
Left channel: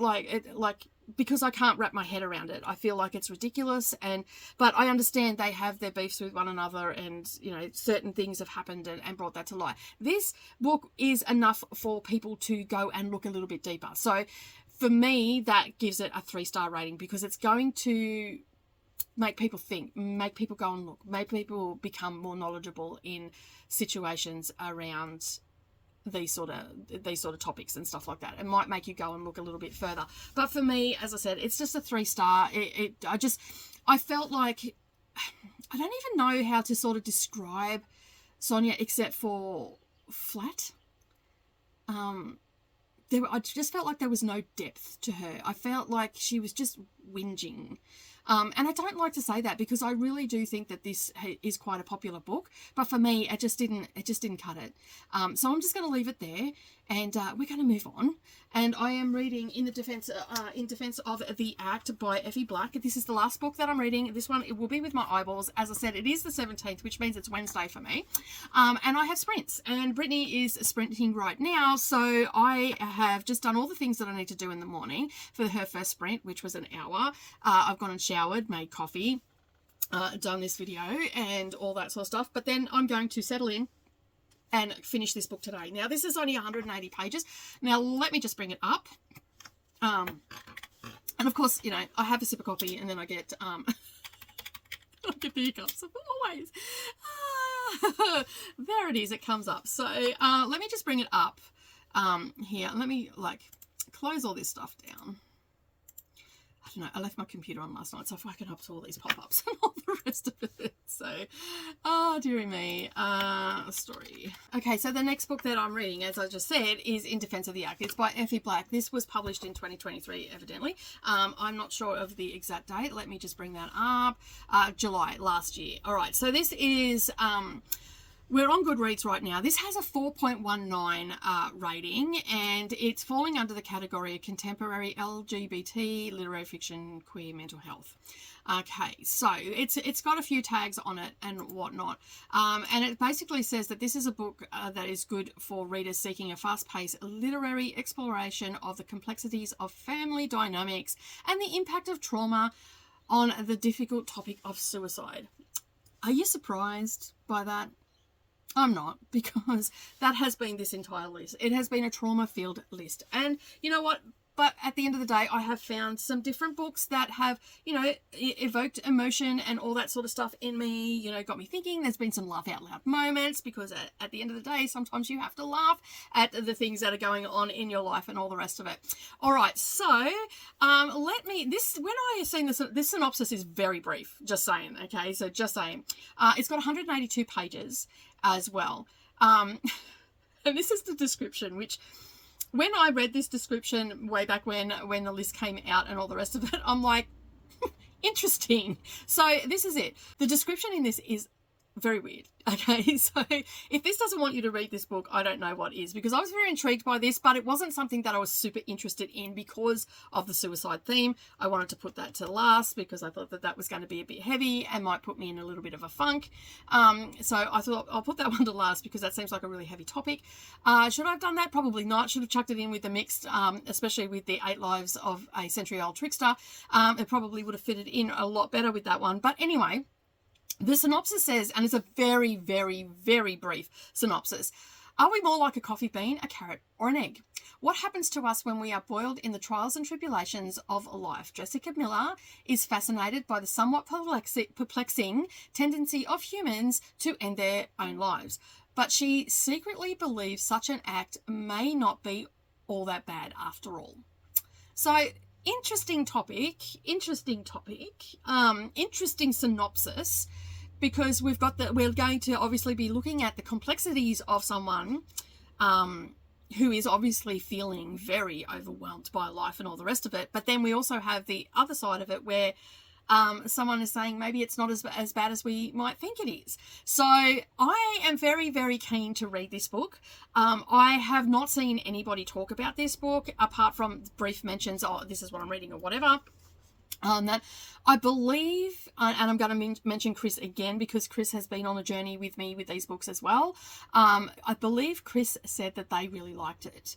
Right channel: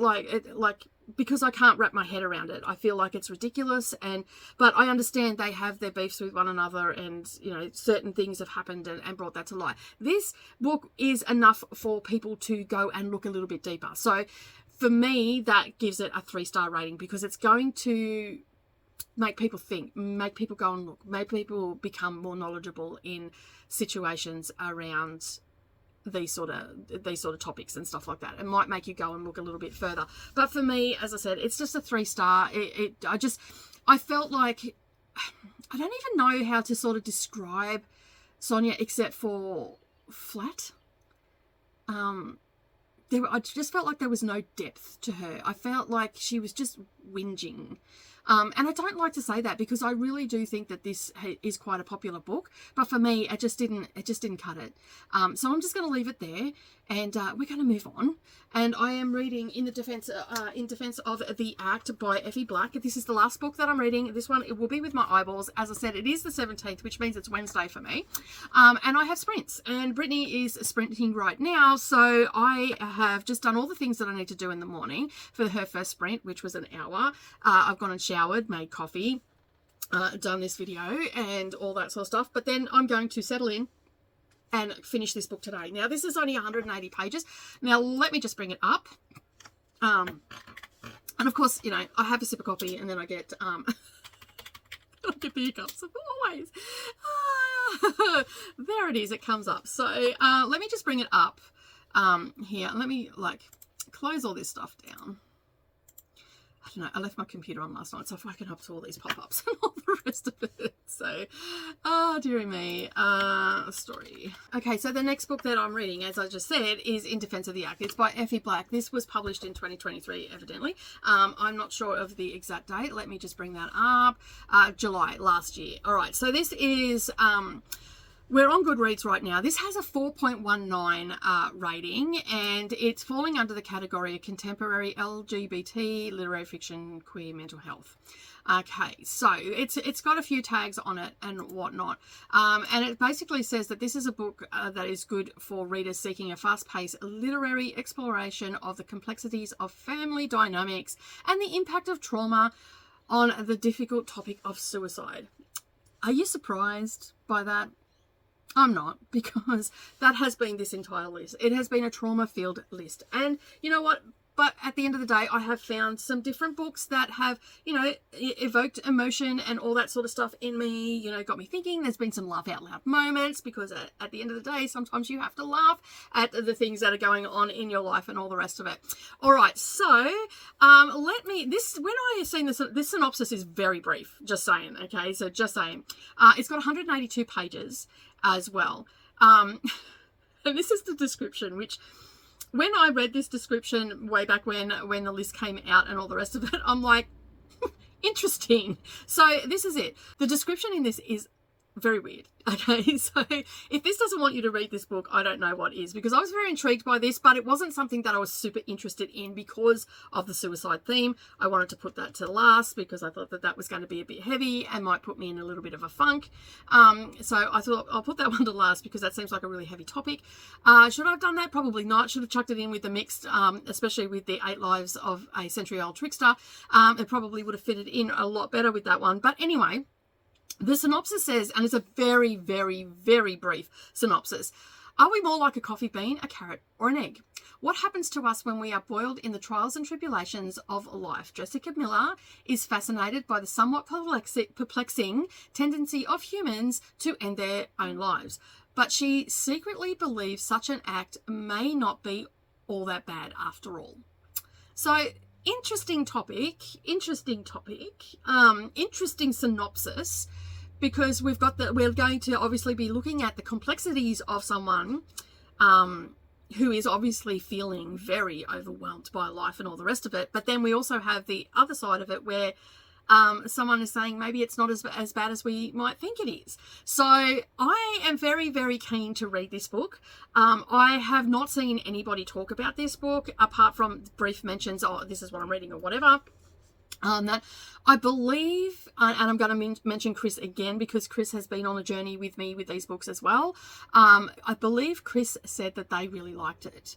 Because I can't wrap my head around it, I feel like it's ridiculous. But I understand they have their beefs with one another, and certain things have happened and brought that to light. This book is enough for people to go and look a little bit deeper. So for me, that gives it a 3-star rating, because it's going to make people think, make people go and look, make people become more knowledgeable in situations around these sort of topics and stuff like that. It might make you go and look a little bit further. But for me, as I said, it's just a 3-star. I felt like, I don't even know how to sort of describe Sonia except for flat. I just felt like there was no depth to her. I felt like she was just whinging. And I don't like to say that because I really do think that this is quite a popular book, but for me, it just didn't cut it. So I'm just going to leave it there, and we're going to move on. And I am reading In Defense of the Act by Effie Black. This is the last book that I'm reading. This one, it will be with my eyeballs. As I said, it is the 17th, which means it's Wednesday for me. And I have sprints, and Brittany is sprinting right now. So I have just done all the things that I need to do in the morning for her first sprint, which was an hour. I've gone and showered, made coffee, done this video and all that sort of stuff. But then I'm going to settle in and finish this book today. Now, this is only 180 pages. Now, let me just bring it up. And of course, you know, I have a sip of coffee and then I get, I get the hiccups, always. There it is, it comes up. So, let me just bring it up here. Let me, like, close all this stuff down. I don't know, I left my computer on last night, so if I can up to all these pop-ups and all the rest of it. So, oh, dearie me. Story. Okay, so the next book that I'm reading, as I just said, is In Defense of the Act. It's by Effie Black. This was published in 2023, evidently. I'm not sure of the exact date. Let me just bring that up. July last year. All right, so this is... we're on Goodreads right now. This has a 4.19 rating, and it's falling under the category of contemporary LGBT, literary fiction, queer mental health. Okay, so it's got a few tags on it and whatnot. And it basically says that this is a book that is good for readers seeking a fast-paced literary exploration of the complexities of family dynamics and the impact of trauma on the difficult topic of suicide. Are you surprised by that? I'm not, because that has been this entire list. It has been a trauma-filled list. And you know what? But at the end of the day, I have found some different books that have, you know, evoked emotion and all that sort of stuff in me, you know, got me thinking. There's been some laugh out loud moments, because at the end of the day, sometimes you have to laugh at the things that are going on in your life and all the rest of it. All right, so when I seen this synopsis is very brief, just saying, okay? So just saying. It's got 182 pages as well. And this is the description, which... when I read this description way back when the list came out and all the rest of it, I'm like, interesting. So this is it. The description in this is very weird. Okay, so if this doesn't want you to read this book, I don't know what is, because I was very intrigued by this, but it wasn't something that I was super interested in because of the suicide theme. I wanted to put that to last because I thought that was going to be a bit heavy and might put me in a little bit of a funk. So I thought I'll put that one to last because that seems like a really heavy topic. Should I have done that? Probably not. Should have chucked it in with the mixed, especially with the 8 Lives of a Century-Old Trickster. It probably would have fitted in a lot better with that one. But anyway, the synopsis says, and it's a very, very, very brief synopsis: are we more like a coffee bean, a carrot, or an egg? What happens to us when we are boiled in the trials and tribulations of life? Jessica Miller is fascinated by the somewhat perplexing tendency of humans to end their own lives, but she secretly believes such an act may not be all that bad after all. So, interesting topic, interesting synopsis, because we're going to obviously be looking at the complexities of someone who is obviously feeling very overwhelmed by life and all the rest of it. But then we also have the other side of it where someone is saying maybe it's not as bad as we might think it is. So I am very, very keen to read this book. I have not seen anybody talk about this book apart from brief mentions, oh, this is what I'm reading or whatever. That I believe, and I'm going to mention Chris again because Chris has been on a journey with me with these books as well. I believe Chris said that they really liked it.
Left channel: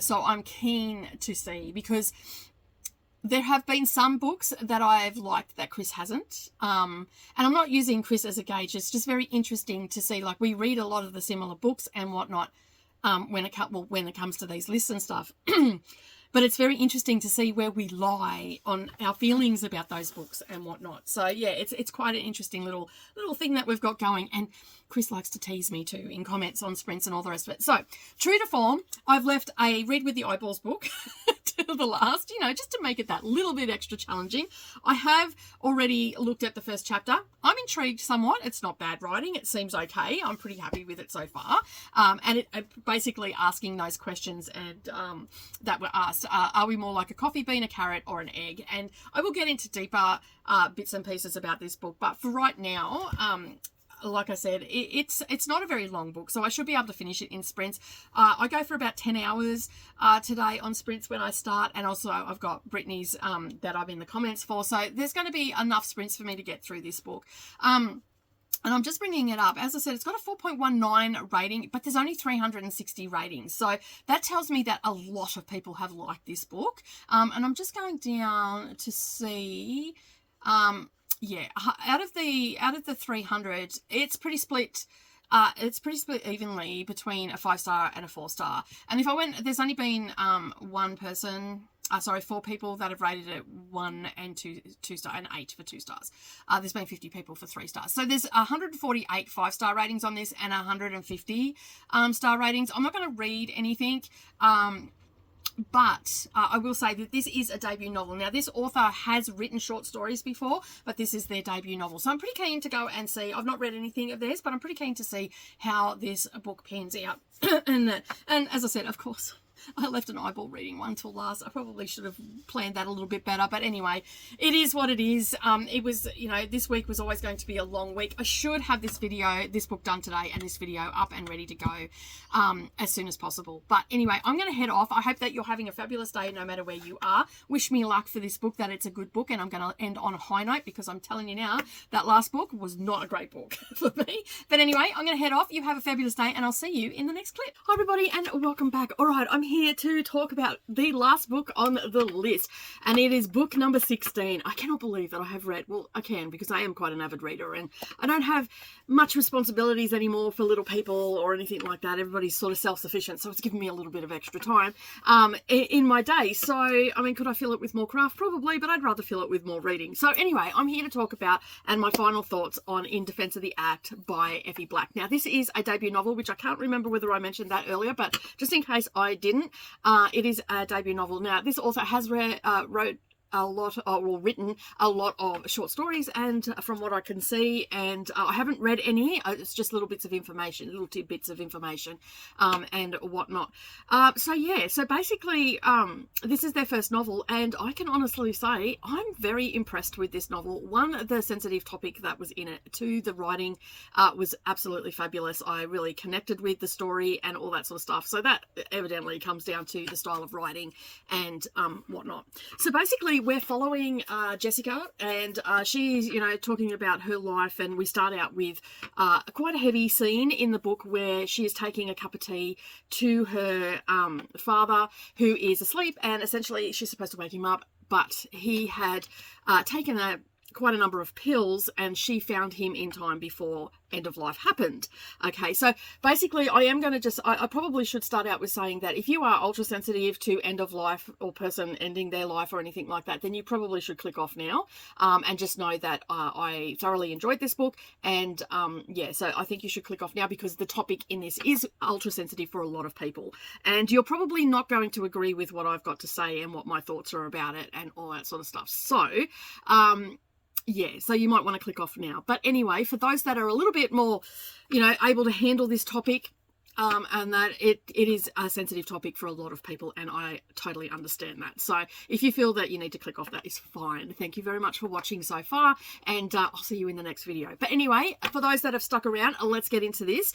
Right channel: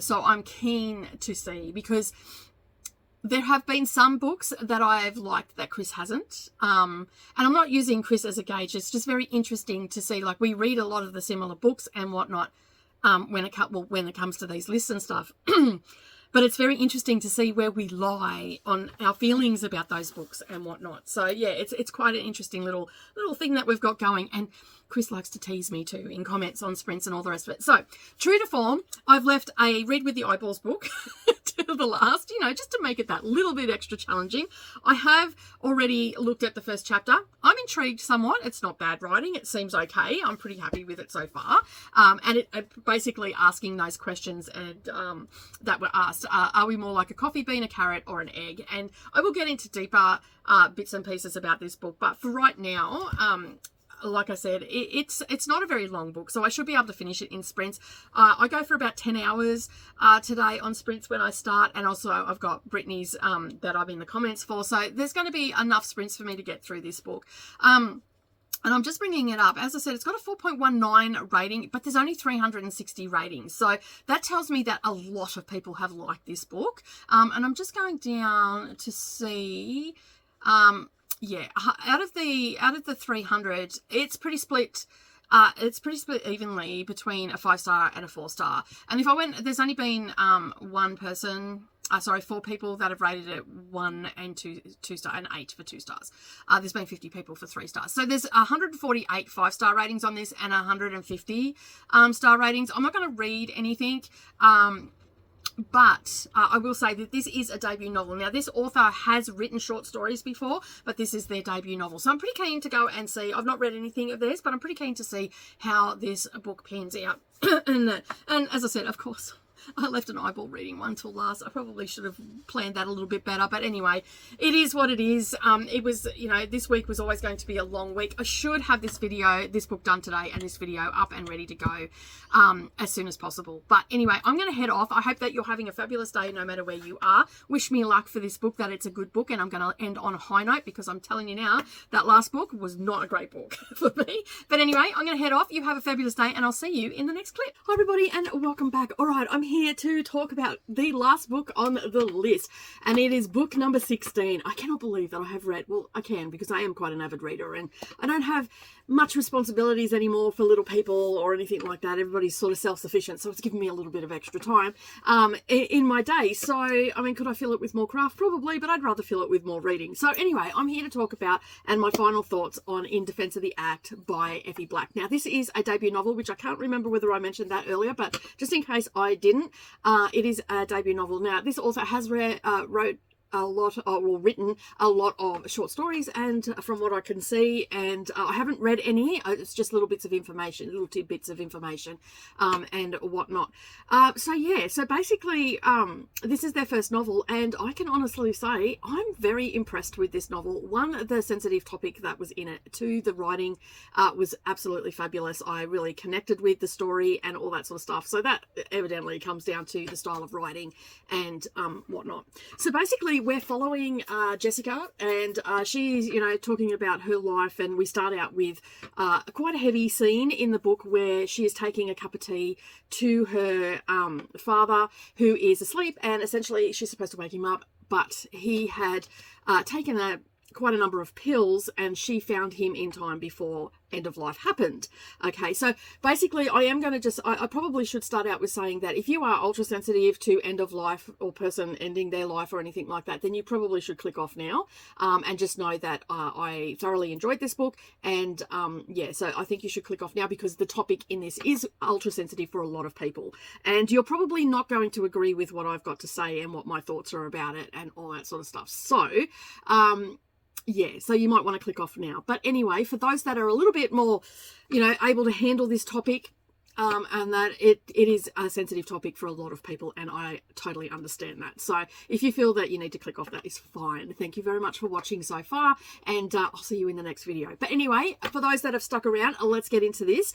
So I'm keen to see, because there have been some books that I've liked that Chris hasn't. And I'm not using Chris as a gauge. It's just very interesting to see, like, we read a lot of the similar books and whatnot when it comes to these lists and stuff. But it's very interesting to see where we lie on our feelings about those books and whatnot. So yeah, it's quite an interesting little thing that we've got going. And Chris likes to tease me too in comments on sprints and all the rest of it. So true to form, I've left a Read with the Eyeballs book to the last, just to make it that little bit extra challenging. I have already looked at the first chapter. I'm intrigued somewhat. It's not bad writing. It seems okay. I'm pretty happy with it so far. And it basically asking those questions and that were asked. Are we more like a coffee bean, a carrot, or an egg? And I will get into deeper bits and pieces about this book. But for right now, like I said, it's not a very long book, so I should be able to finish it in sprints. I go for about 10 hours today on sprints when I start, and also I've got Brittany's that I'm in the comments for, so there's going to be enough sprints for me to get through this book. And I'm just bringing it up. As I said, it's got a 4.19 rating, but there's only 360 ratings. So that tells me that a lot of people have liked this book. And I'm just going down to see... yeah, out of the 300, it's pretty split. It's pretty split evenly between a 5-star and a 4-star. And if I went, there's only been four people that have rated it 1 and 2 star and 8 for 2 stars. There's been 50 people for 3 stars. So there's 148 5-star ratings on this and 150 star ratings. I'm not going to read anything. But I will say that this is a debut novel. Now, this author has written short stories before, but this is their debut novel. So I'm pretty keen to go and see. I've not read anything of theirs, but I'm pretty keen to see how this book pans out. and as I said, of course, I left an eyeball reading one till last. I probably should have planned that a little bit better. But anyway, it is what it is. It was, this week was always going to be a long week. I should have this book done today and this video up and ready to go as soon as possible. But anyway, I'm going to head off. I hope that you're having a fabulous day no matter where you are. Wish me luck for this book, that it's a good book. And I'm going to end on a high note because I'm telling you now, that last book was not a great book for me. But anyway, I'm going to head off. You have a fabulous day and I'll see you in the next clip. Hi everybody and welcome back. All right, I'm here to talk about the last book on the list, and it is book number 16. I cannot believe that I have read, well, I can because I am quite an avid reader and I don't have much responsibilities anymore for little people or anything like that. Everybody's sort of self-sufficient, so it's given me a little bit of extra time in my day. So, I mean, could I fill it with more craft? Probably, but I'd rather fill it with more reading. So anyway, I'm here to talk about, and my final thoughts on In Defense of the Act by Effie Black. Now, this is a debut novel, which I can't remember whether I mentioned that earlier, but just in case I didn't, it is a debut novel. Now, this author has written a lot of short stories, and from what I can see, and I haven't read any, it's just little bits of information, little tidbits of information, and whatnot. So basically, this is their first novel, and I can honestly say I'm very impressed with this novel. One, the sensitive topic that was in it. Two, the writing was absolutely fabulous. I really connected with the story and all that sort of stuff. So that evidently comes down to the style of writing and whatnot. So basically, we're following Jessica, and she's, talking about her life, and we start out with quite a heavy scene in the book where she is taking a cup of tea to her father, who is asleep, and essentially she's supposed to wake him up, but he had taken quite a number of pills, and she found him in time before end of life happened. Okay, so basically I am going to I probably should start out with saying that if you are ultra sensitive to end of life or person ending their life or anything like that, then you probably should click off now, and just know that I thoroughly enjoyed this book, and so I think you should click off now because the topic in this is ultra sensitive for a lot of people, and you're probably not going to agree with what I've got to say and what my thoughts are about it and all that sort of stuff. So so you might want to click off now. But anyway, for those that are a little bit more, able to handle this topic, and that it is a sensitive topic for a lot of people, and I totally understand that. So if you feel that you need to click off, that is fine. Thank you very much for watching so far, and I'll see you in the next video. But anyway, for those that have stuck around, let's get into this.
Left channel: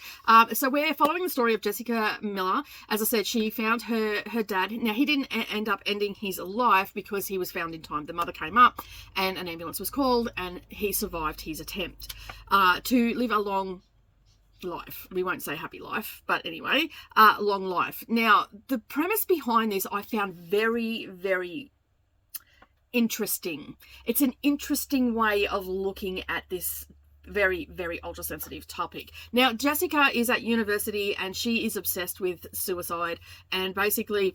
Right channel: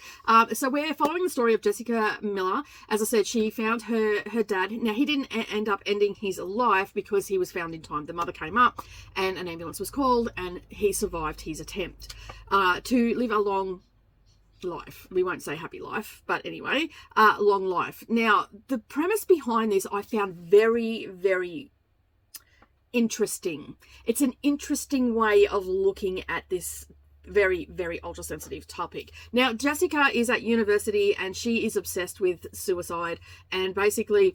So we're following the story of Jessica Miller. As I said, she found her dad. Now, he didn't end up ending his life because he was found in time. The mother came up and an ambulance was called, and he survived his attempt to live a long life. We won't say happy life, but anyway, long life. Now, the premise behind this I found very, very interesting. It's an interesting way of looking at this very, very ultra sensitive topic. Now, Jessica is at university and she is obsessed with suicide, and basically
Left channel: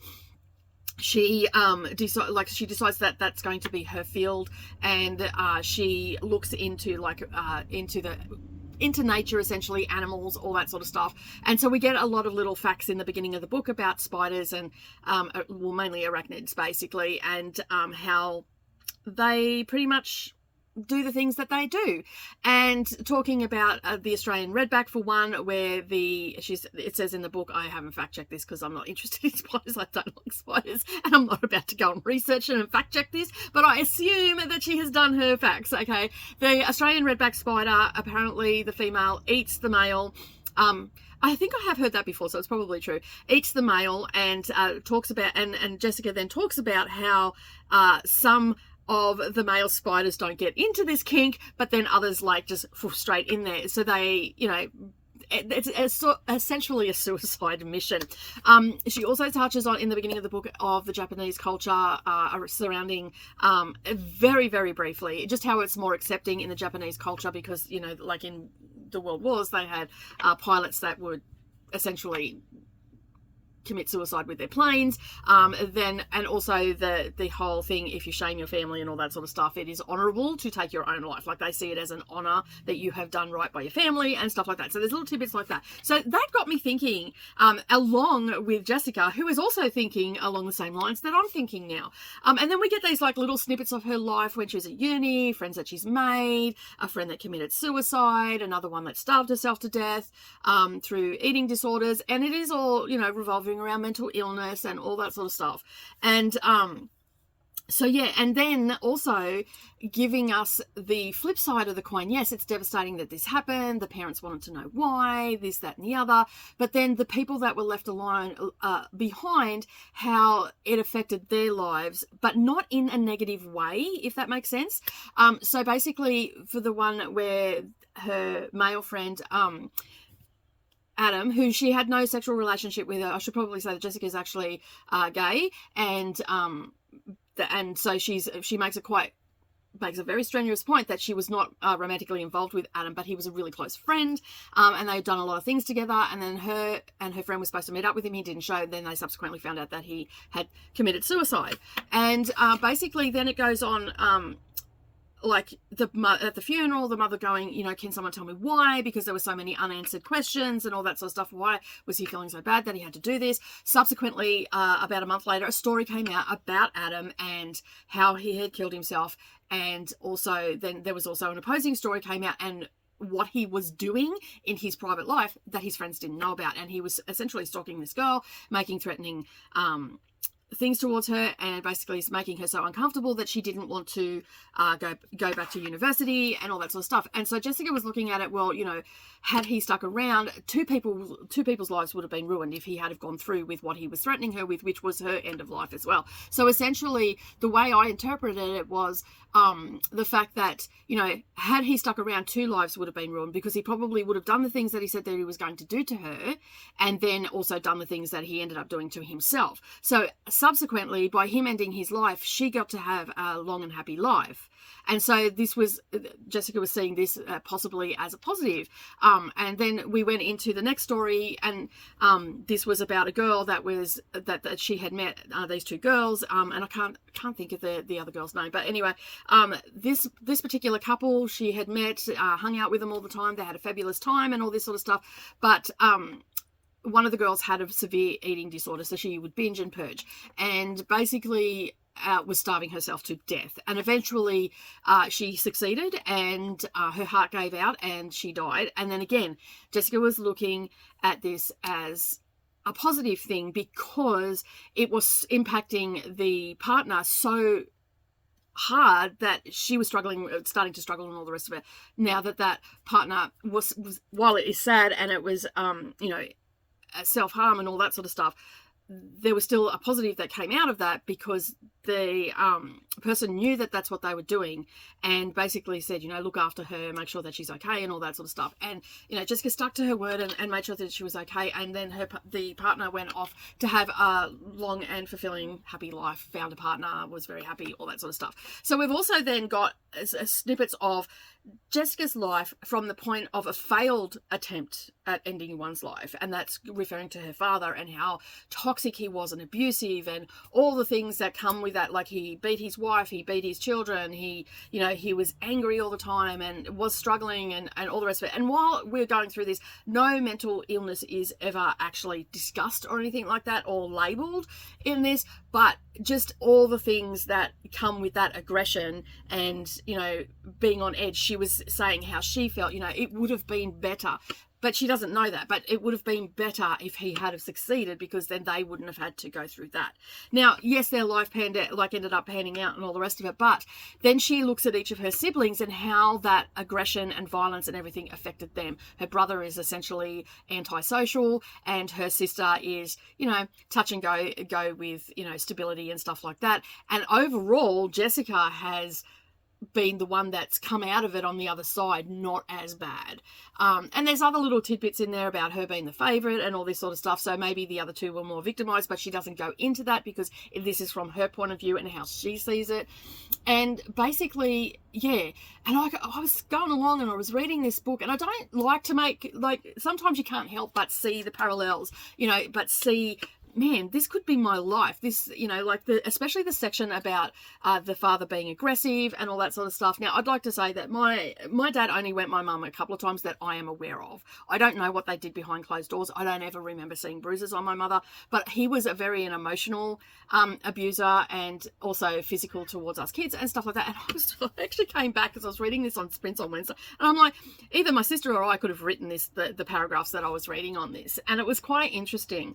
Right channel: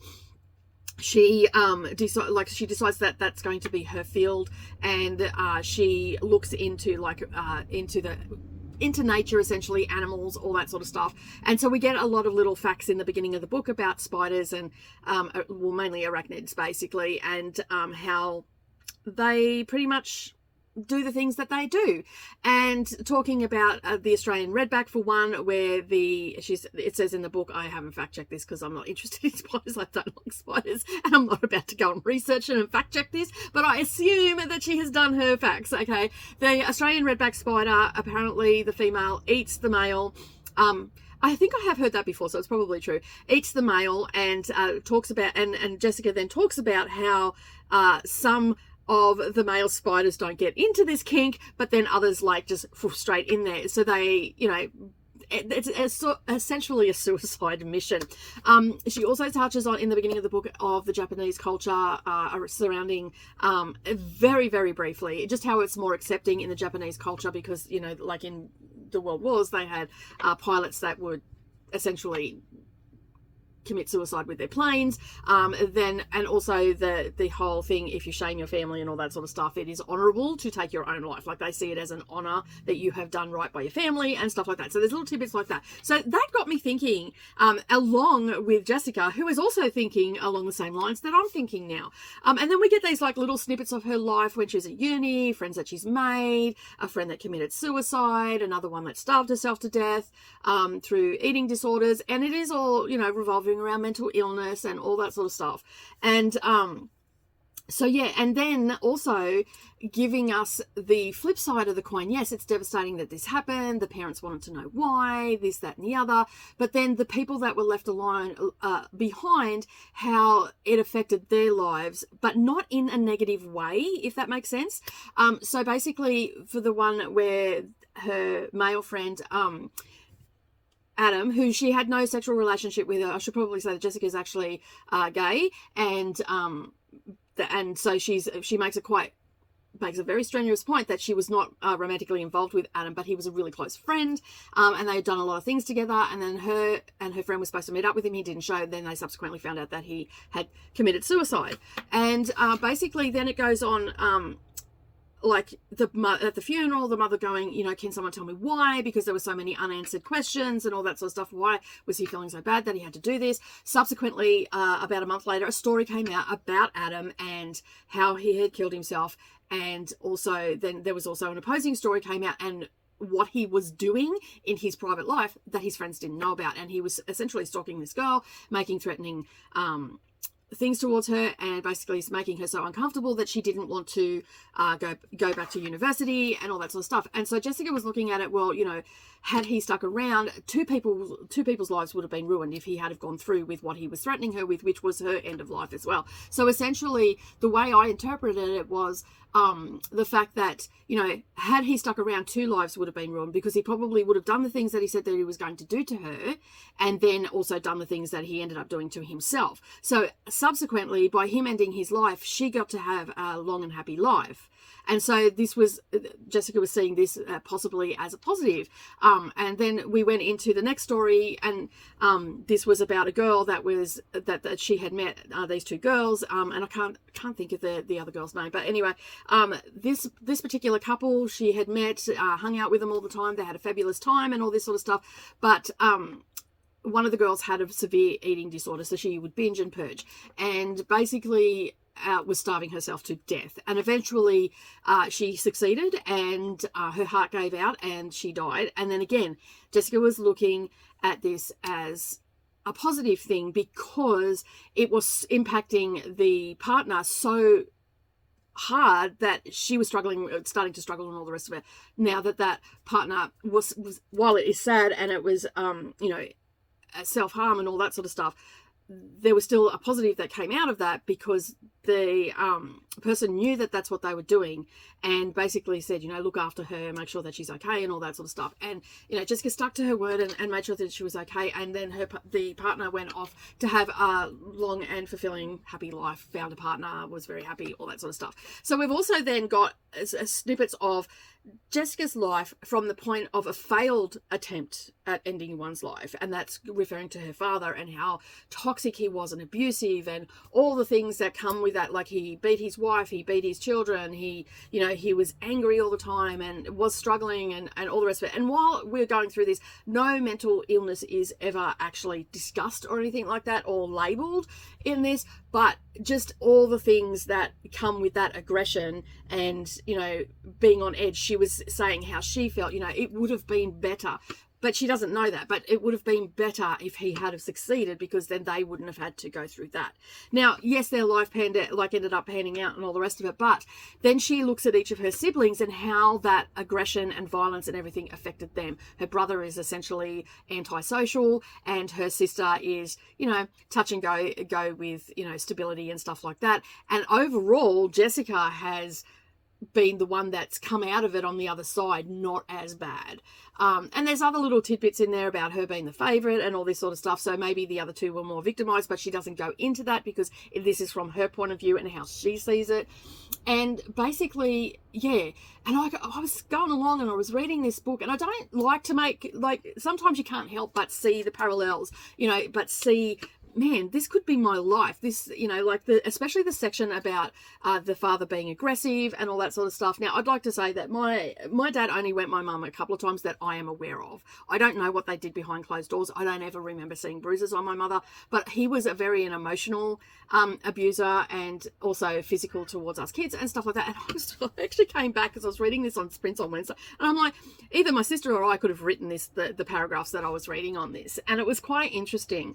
she decides that that's going to be her field, and she looks into the into nature, essentially, animals, all that sort of stuff. And so we get a lot of little facts in the beginning of the book about spiders and, well, mainly arachnids, basically, and how they pretty much do the things that they do. And talking about the Australian redback, for one, where it says in the book, I haven't fact checked this because I'm not interested in spiders, I don't like spiders, and I'm not about to go and research it and fact check this, but I assume that she has done her facts. Okay, the Australian redback spider, apparently the female eats the male. I think I have heard that before, so it's probably true. Eats the male, and talks about, and Jessica then talks about how some of the male spiders don't get into this kink, but then others like just fall straight in there. So they, it's essentially a suicide mission. She also touches on, in the beginning of the book, of the Japanese culture surrounding, very, very briefly, just how it's more accepting in the Japanese culture because, like in the World Wars, they had pilots that would essentially commit suicide with their planes, and also the whole thing, if you shame your family and all that sort of stuff, it is honorable to take your own life. Like, they see it as an honor that you have done right by your family and stuff like that. So there's little tidbits like that. So that got me thinking, along with Jessica, who is also thinking along the same lines that I'm thinking now. And then we get these like little snippets of her life when she was at uni, friends that she's made, a friend that committed suicide, another one that starved herself to death through eating disorders, and it is all, revolving around mental illness and all that sort of stuff. And so yeah, and then also giving us the flip side of the coin. Yes, it's devastating that this happened, the parents wanted to know why, this, that and the other, but then the people that were left alone behind, how it affected their lives, but not in a negative way, if that makes sense. So basically, for the one where her male friend Adam, who she had no sexual relationship with, I should probably say that Jessica's actually gay, and so she makes a very strenuous point that she was not romantically involved with Adam, but he was a really close friend, and they had done a lot of things together, and then her friend was supposed to meet up with him. He didn't show. Then they subsequently found out that he had committed suicide, and basically then it goes on. Like at the funeral, the mother going, can someone tell me why? Because there were so many unanswered questions and all that sort of stuff. Why was he feeling so bad that he had to do this? Subsequently, about a month later, a story came out about Adam and how he had killed himself. And also then there was also an opposing story came out and what he was doing in his private life that his friends didn't know about. And he was essentially stalking this girl, making threatening things towards her, and basically making her so uncomfortable that she didn't want to go back to university and all that sort of stuff. And so Jessica was looking at it, well, had he stuck around, two people's lives would have been ruined if he had have gone through with what he was threatening her with, which was her end of life as well. So essentially, the way I interpreted it was the fact that, had he stuck around, two lives would have been ruined, because he probably would have done the things that he said that he was going to do to her, and then also done the things that he ended up doing to himself. So subsequently, by him ending his life, she got to have a long and happy life. And so Jessica was seeing this possibly as a positive. And then we went into the next story, and this was about a girl that she had met, these two girls, and I can't think of the other girl's name, but anyway, this particular couple she had met, hung out with them all the time. They had a fabulous time and all this sort of stuff. But one of the girls had a severe eating disorder, so she would binge and purge, and basically was starving herself to death. And eventually she succeeded, and her heart gave out and she died. And then again, Jessica was looking at this as a positive thing because it was impacting the partner so hard that she was starting to struggle and all the rest of it. Now that partner was, while it is sad and it was, self-harm and all that sort of stuff, there was still a positive that came out of that, because the person knew that that's what they were doing, and basically said, look after her, make sure that she's okay and all that sort of stuff. And, Jessica stuck to her word and made sure that she was okay. And then the partner went off to have a long and fulfilling, happy life, found a partner, was very happy, all that sort of stuff. So we've also then got snippets of Jessica's life from the point of a failed attempt at ending one's life, and that's referring to her father and how toxic he was and abusive and all the things that come with that. Like, he beat his wife, he beat his children, he was angry all the time and was struggling and all the rest of it. And while we're going through this, no mental illness is ever actually discussed or anything like that, or labeled in this, but just all the things that come with that aggression and, being on edge. She was saying how she felt, it would have been better. But she doesn't know that. But it would have been better if he had have succeeded, because then they wouldn't have had to go through that. Now, yes, their life ended up panning out and all the rest of it. But then she looks at each of her siblings and how that aggression and violence and everything affected them. Her brother is essentially antisocial, and her sister is, touch and go with, stability and stuff like that. And overall, Jessica has been the one that's come out of it on the other side, not as bad. And there's other little tidbits in there about her being the favourite and all this sort of stuff. So maybe the other two were more victimised, but she doesn't go into that because this is from her point of view and how she sees it. And basically, yeah. And I was going along and I was reading this book, and I don't like to make, sometimes you can't help but see the parallels, but see, man, this could be my life. This, especially the section about the father being aggressive and all that sort of stuff. Now, I'd like to say that my dad only went my mum a couple of times that I am aware of. I don't know what they did behind closed doors. I don't ever remember seeing bruises on my mother, but he was a very emotional abuser, and also physical towards us kids and stuff like that. And I actually came back because I was reading this on Sprints on Wednesday, and I'm like, either my sister or I could have written the paragraphs that I was reading on this, and it was quite interesting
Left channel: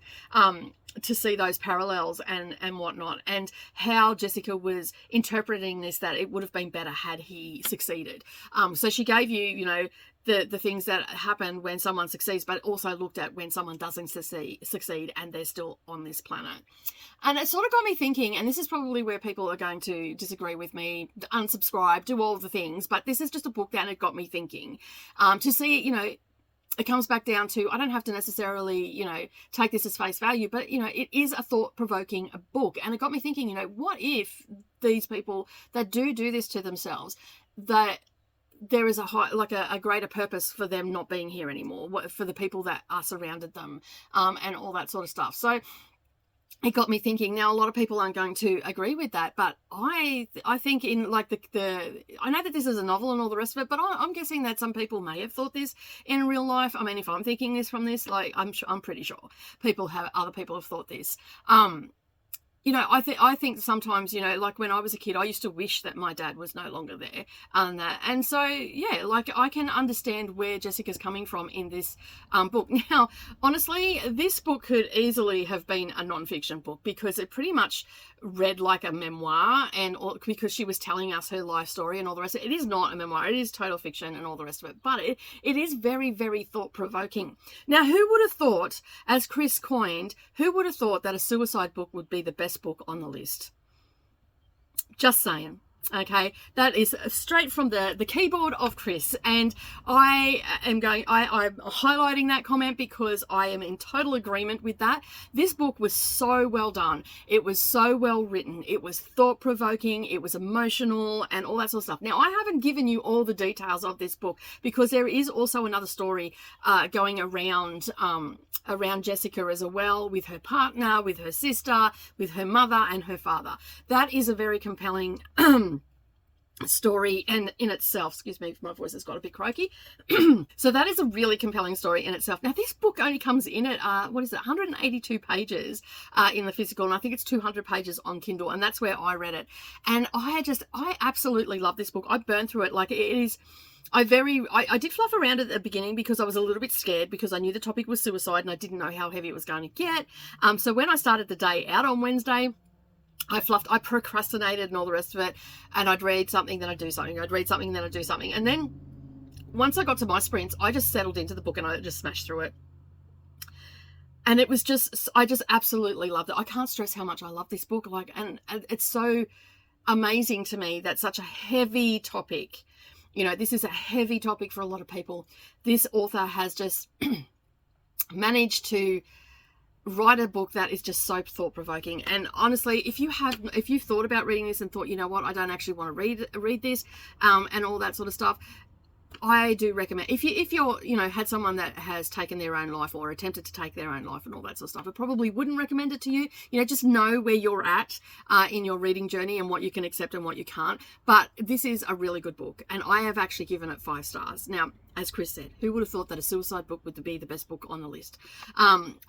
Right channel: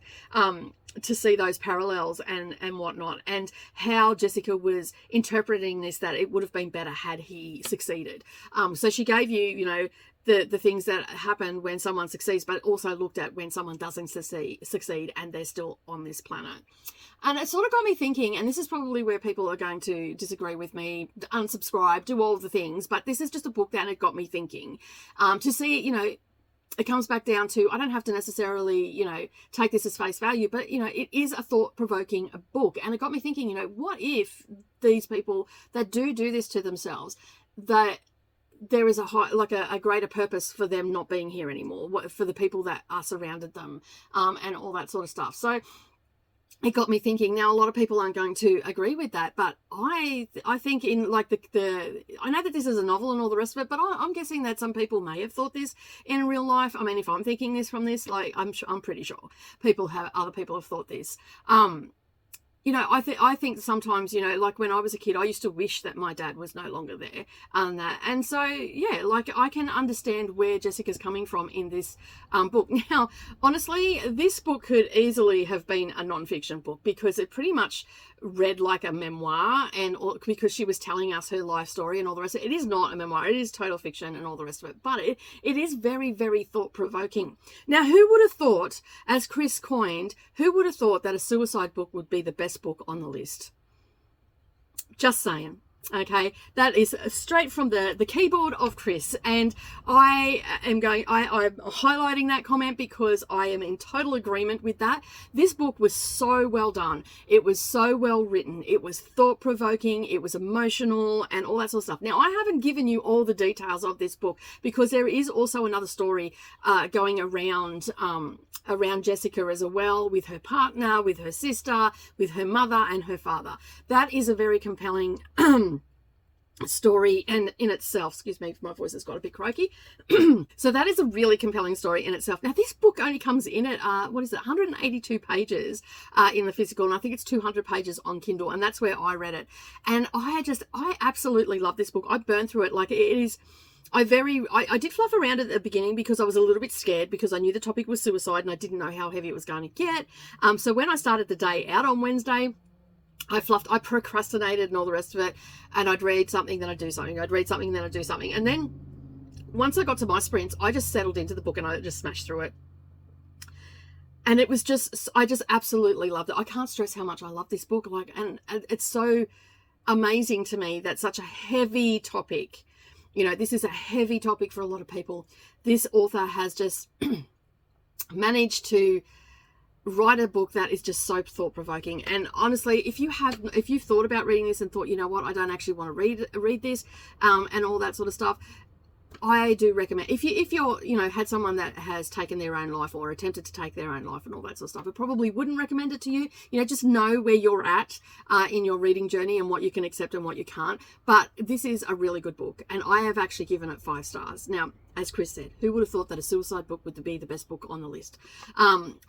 to see those parallels and whatnot, and how Jessica was interpreting this, that it would have been better had he succeeded. So she gave you, the things that happen when someone succeeds, but also looked at when someone doesn't succeed and they're still on this planet. And it sort of got me thinking, and this is probably where people are going to disagree with me, unsubscribe, do all of the things, but this is just a book that it got me thinking, to see, it comes back down to, I don't have to necessarily, take this as face value, but, it is a thought-provoking book. And it got me thinking, what if these people that do this to themselves, that there is a greater purpose for them not being here anymore, for the people that are surrounded them, and all that sort of stuff. So it got me thinking. Now, a lot of people aren't going to agree with that, but I think in I know that this is a novel and all the rest of it, but I'm guessing that some people may have thought this in real life. I mean, if I'm thinking this from this, I'm pretty sure other people have thought this. I think sometimes, when I was a kid, I used to wish that my dad was no longer there, and so, yeah, I can understand where Jessica's coming from in this book. Now, honestly, this book could easily have been a non-fiction book, because it pretty much read like a memoir, and because she was telling us her life story and all the rest of it. It is not a memoir, it is total fiction and all the rest of it, but it is very, very thought-provoking. Now, who would have thought, as Chris coined, who would have thought that a suicide book would be the best book on the list? Just saying. Okay, that is straight from the keyboard of Chris, and I'm highlighting that comment because I am in total agreement with that. This book was so well done. It was so well written. It was thought-provoking. It was emotional and all that sort of stuff. Now, I haven't given you all the details of this book because there is also another story going around Jessica as well, with her partner, with her sister, with her mother and her father. That is a very compelling story and in itself. Excuse me, my voice has got a bit croaky. So that is a really compelling story in itself. Now, this book only comes in at 182 pages in the physical, and I think it's 200 pages on Kindle, and that's where I read it. And I absolutely love this book. I burned through it. It is, I did fluff around it at the beginning because I was a little bit scared, because I knew the topic was suicide and I didn't know how heavy it was going to get. So when I started the day out on Wednesday, I procrastinated and all the rest of it, and I'd read something, then I'd do something, I'd read something, then I'd do something, and then once I got to my sprints, I just settled into the book and I just smashed through it. And it was I just absolutely loved it. I can't stress how much I love this book, and it's so amazing to me that such a heavy topic, this is a heavy topic for a lot of people. This author has just managed to write a book that is just so thought-provoking. And honestly, if you've thought about reading this and thought, you know what, I don't actually want to read this, and all that sort of stuff, I do recommend, if you're, you know, had someone that has taken their own life or attempted to take their own life and all that sort of stuff, I probably wouldn't recommend it to you. You know, just know where you're at in your reading journey and what you can accept and what you can't. But this is a really good book, and I have actually given it 5 stars. Now, as Chris said, who would have thought that a suicide book would be the best book on the list?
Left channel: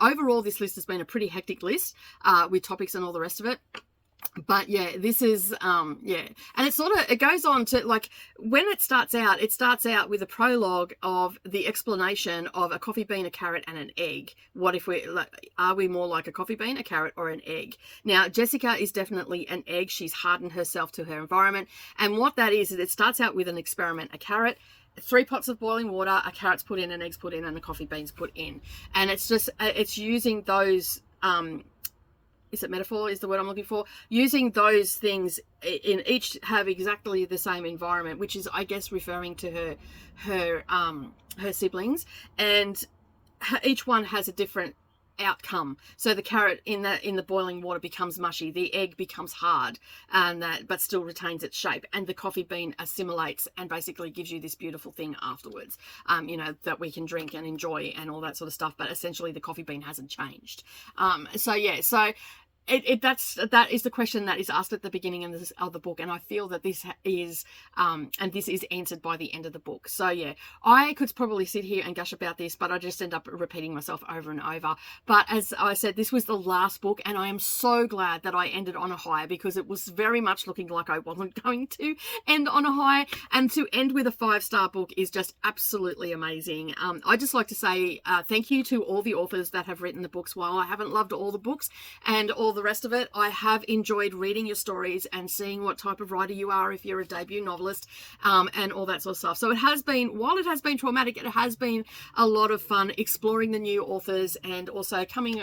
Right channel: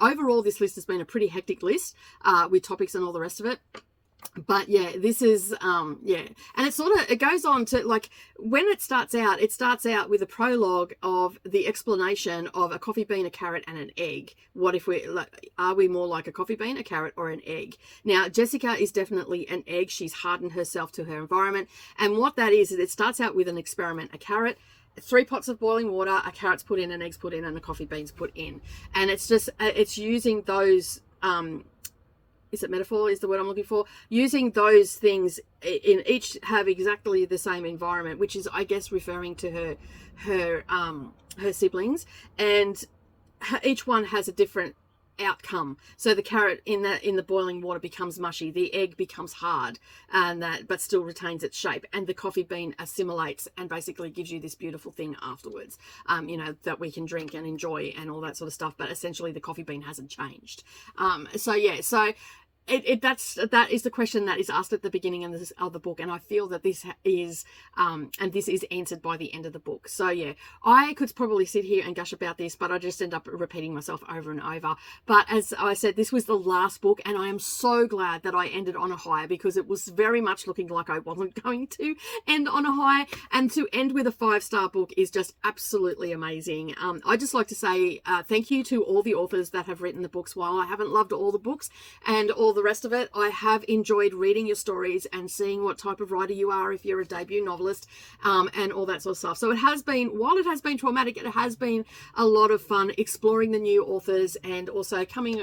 Overall, this list has been a pretty hectic list with topics and all the rest of it. But yeah, this is yeah, and it goes on to, like, when it starts out with a prologue of the explanation of a coffee bean, a carrot, and an egg. What if are we more like a coffee bean, a carrot, or an egg? Now, Jessica is definitely an egg. She's hardened herself to her environment, and what that is it starts out with an experiment: a carrot, 3 pots of boiling water, a carrot's put in, an egg's put in, and a coffee bean's put in, and it's just it's using those is it metaphor is the word I'm looking for? Using those things in each have exactly the same environment, which is, I guess, referring to her siblings, and each one has a different outcome. So the carrot in the boiling water becomes mushy, the egg becomes hard, and but still retains its shape, and the coffee bean assimilates and basically gives you this beautiful thing afterwards, you know, that we can drink and enjoy and all that sort of stuff. But essentially, the coffee bean hasn't changed. So yeah, so. That is the question that is asked at the beginning of the book, and I feel that this is answered by the end of the book. So yeah, I could probably sit here and gush about this, but I just end up repeating myself over and over. But as I said, this was the last book, and I am so glad that I ended on a high, because it was very much looking like I wasn't going to end on a high, and to end with a 5-star book is just absolutely amazing. I just like to say thank you to all the authors that have written the books. While I haven't loved all the books and all the rest of it, I have enjoyed reading your stories and seeing what type of writer you are, if you're a debut novelist, and all that sort of stuff. So it has been, while it has been traumatic, it has been a lot of fun exploring the new authors, and also coming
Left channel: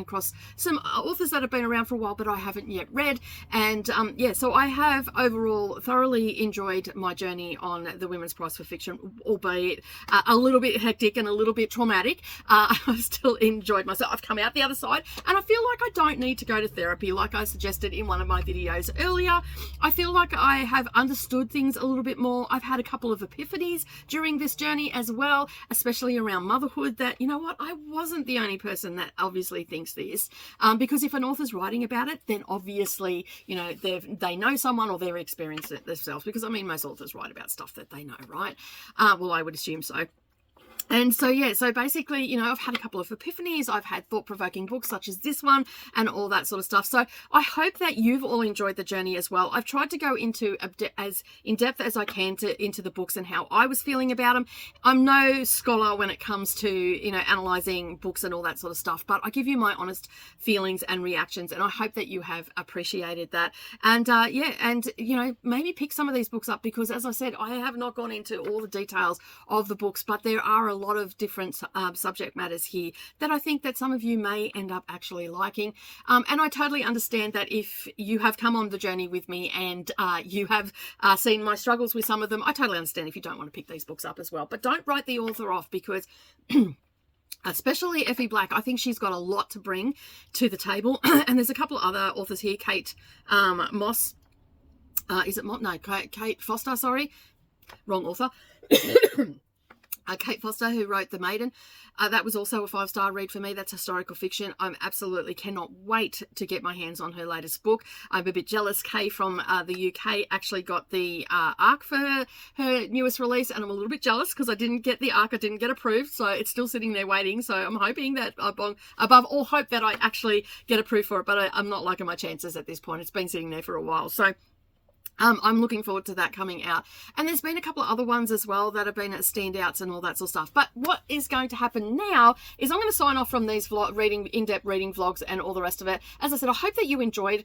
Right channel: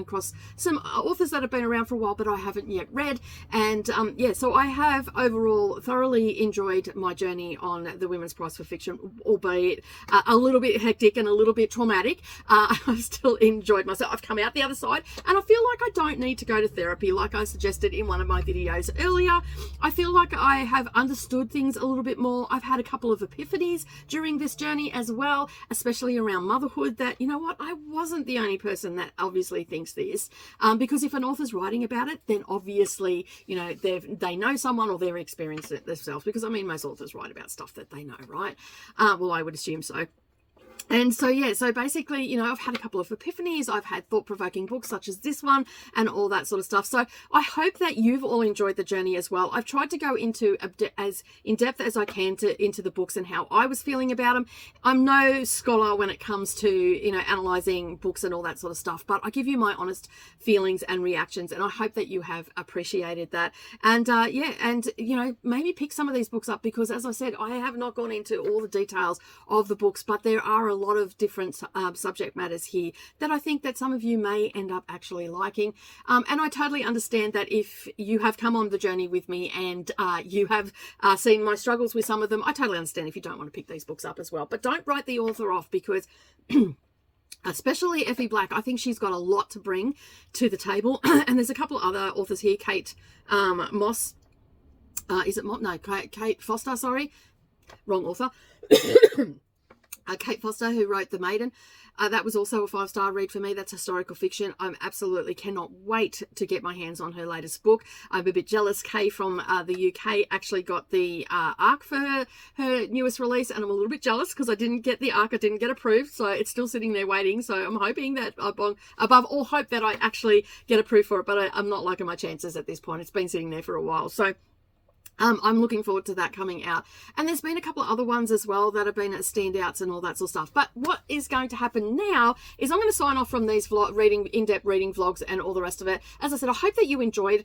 across some authors that have been around for a while but I haven't yet read. And yeah, so I have overall thoroughly enjoyed my journey on the Women's Prize for Fiction, albeit a little bit hectic and a little bit traumatic. I've still enjoyed myself. I've come out the other side, and I feel like I don't need to go to therapy, like I suggested in one of my videos earlier. I feel like I have understood things a little bit more. I've had a couple of epiphanies during this journey as well, especially around motherhood, that, you know what, I wasn't the only person that obviously thinks this, because if an author's writing about it, then obviously, you know, they know someone, or they're experienced it themselves, because I mean, most authors write about stuff that they know, right? Well, I would assume so. And so, yeah, so basically, you know, I've had a couple of epiphanies. I've had thought-provoking books such as this one and all that sort of stuff. So I hope that you've all enjoyed the journey as well. I've tried to go into as in-depth as I can into the books and how I was feeling about them. I'm no scholar when it comes to, you know, analysing books and all that sort of stuff, but I give you my honest feelings and reactions, and I hope that you have appreciated that. And, yeah, and, you know, maybe pick some of these books up, because, as I said, I have not gone into all the details of the books, but there are a lot of different subject matters here that I think that some of you may end up actually liking, and I totally understand that if you have come on the journey with me and you have seen my struggles with some of them, I totally understand if you don't want to pick these books up as well. But don't write the author off, because especially Effie Black, I think she's got a lot to bring to the table. And there's a couple of other authors here. Kate Moss, is it Mott? No, Kate Foster, sorry, wrong author. Kate Foster, who wrote The Maiden. That was also a 5-star read for me. That's historical fiction. I absolutely cannot wait to get my hands on her latest book. I'm a bit jealous. Kay from the UK actually got the ARC for her newest release, and I'm a little bit jealous because I didn't get the ARC. I didn't get approved, so it's still sitting there waiting. So I'm hoping that, above all hope, that I actually get approved for it, but I'm not liking my chances at this point. It's been sitting there for a while. So I'm looking forward to that coming out. And there's been a couple of other ones as well that have been standouts and all that sort of stuff. But what is going to happen now is I'm going to sign off from these in-depth reading vlogs and all the rest of it. As I said, I hope that you enjoyed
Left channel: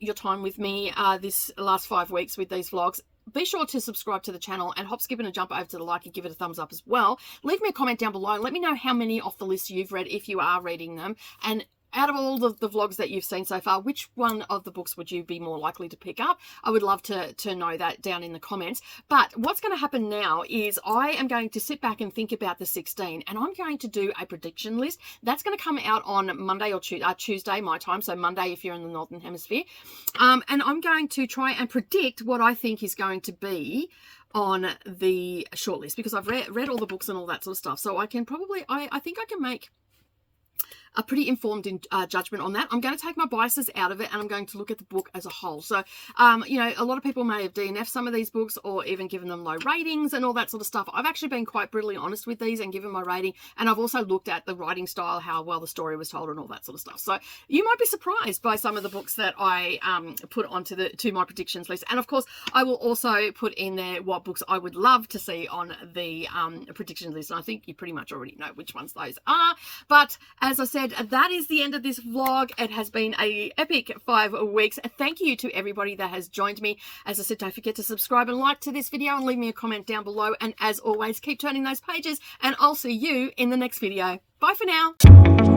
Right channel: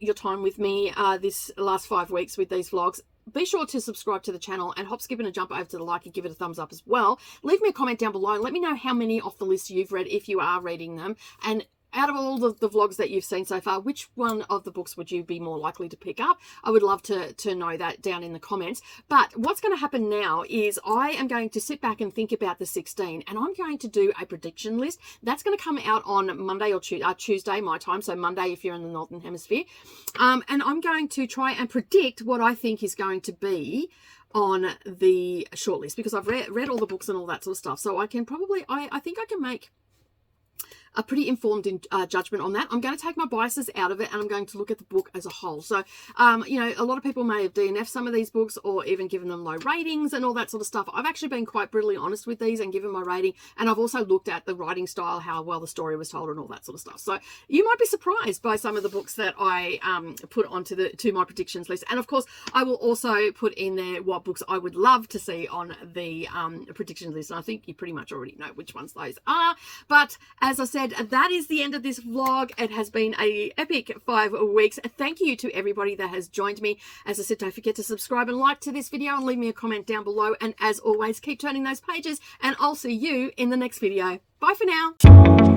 your time with me this last 5 weeks with these vlogs. Be sure to subscribe to the channel, and hop, skip, and a jump over to the like and give it a thumbs up as well. Leave me a comment down below and let me know how many off the list you've read, if you are reading them. And out of all the vlogs that you've seen so far, which one of the books would you be more likely to pick up? I would love to know that down in the comments. But what's going to happen now is I am going to sit back and think about the 16, and I'm going to do a prediction list. That's going to come out on Monday or Tuesday, my time. So Monday if you're in the Northern Hemisphere. And I'm going to try and predict what I think is going to be on the shortlist, because I've read all the books and all that sort of stuff. So I can probably, I think I can make a pretty informed judgment on that. I'm going to take my biases out of it, and I'm going to look at the book as a whole. So, you know, a lot of people may have DNF'd some of these books or even given them low ratings and all that sort of stuff. I've actually been quite brutally honest with these and given my rating, and I've also looked at the writing style, how well the story was told and all that sort of stuff. So you might be surprised by some of the books that I put onto to my predictions list. And of course, I will also put in there what books I would love to see on the predictions list. And I think you pretty much already know which ones those are. But as I said, that is the end of this vlog. It has been a epic 5 weeks. Thank you to everybody that has joined me. As I said, don't forget to subscribe and like to this video and leave me a comment down below. And as always, keep turning those pages, and I'll see you in the next video. Bye for now.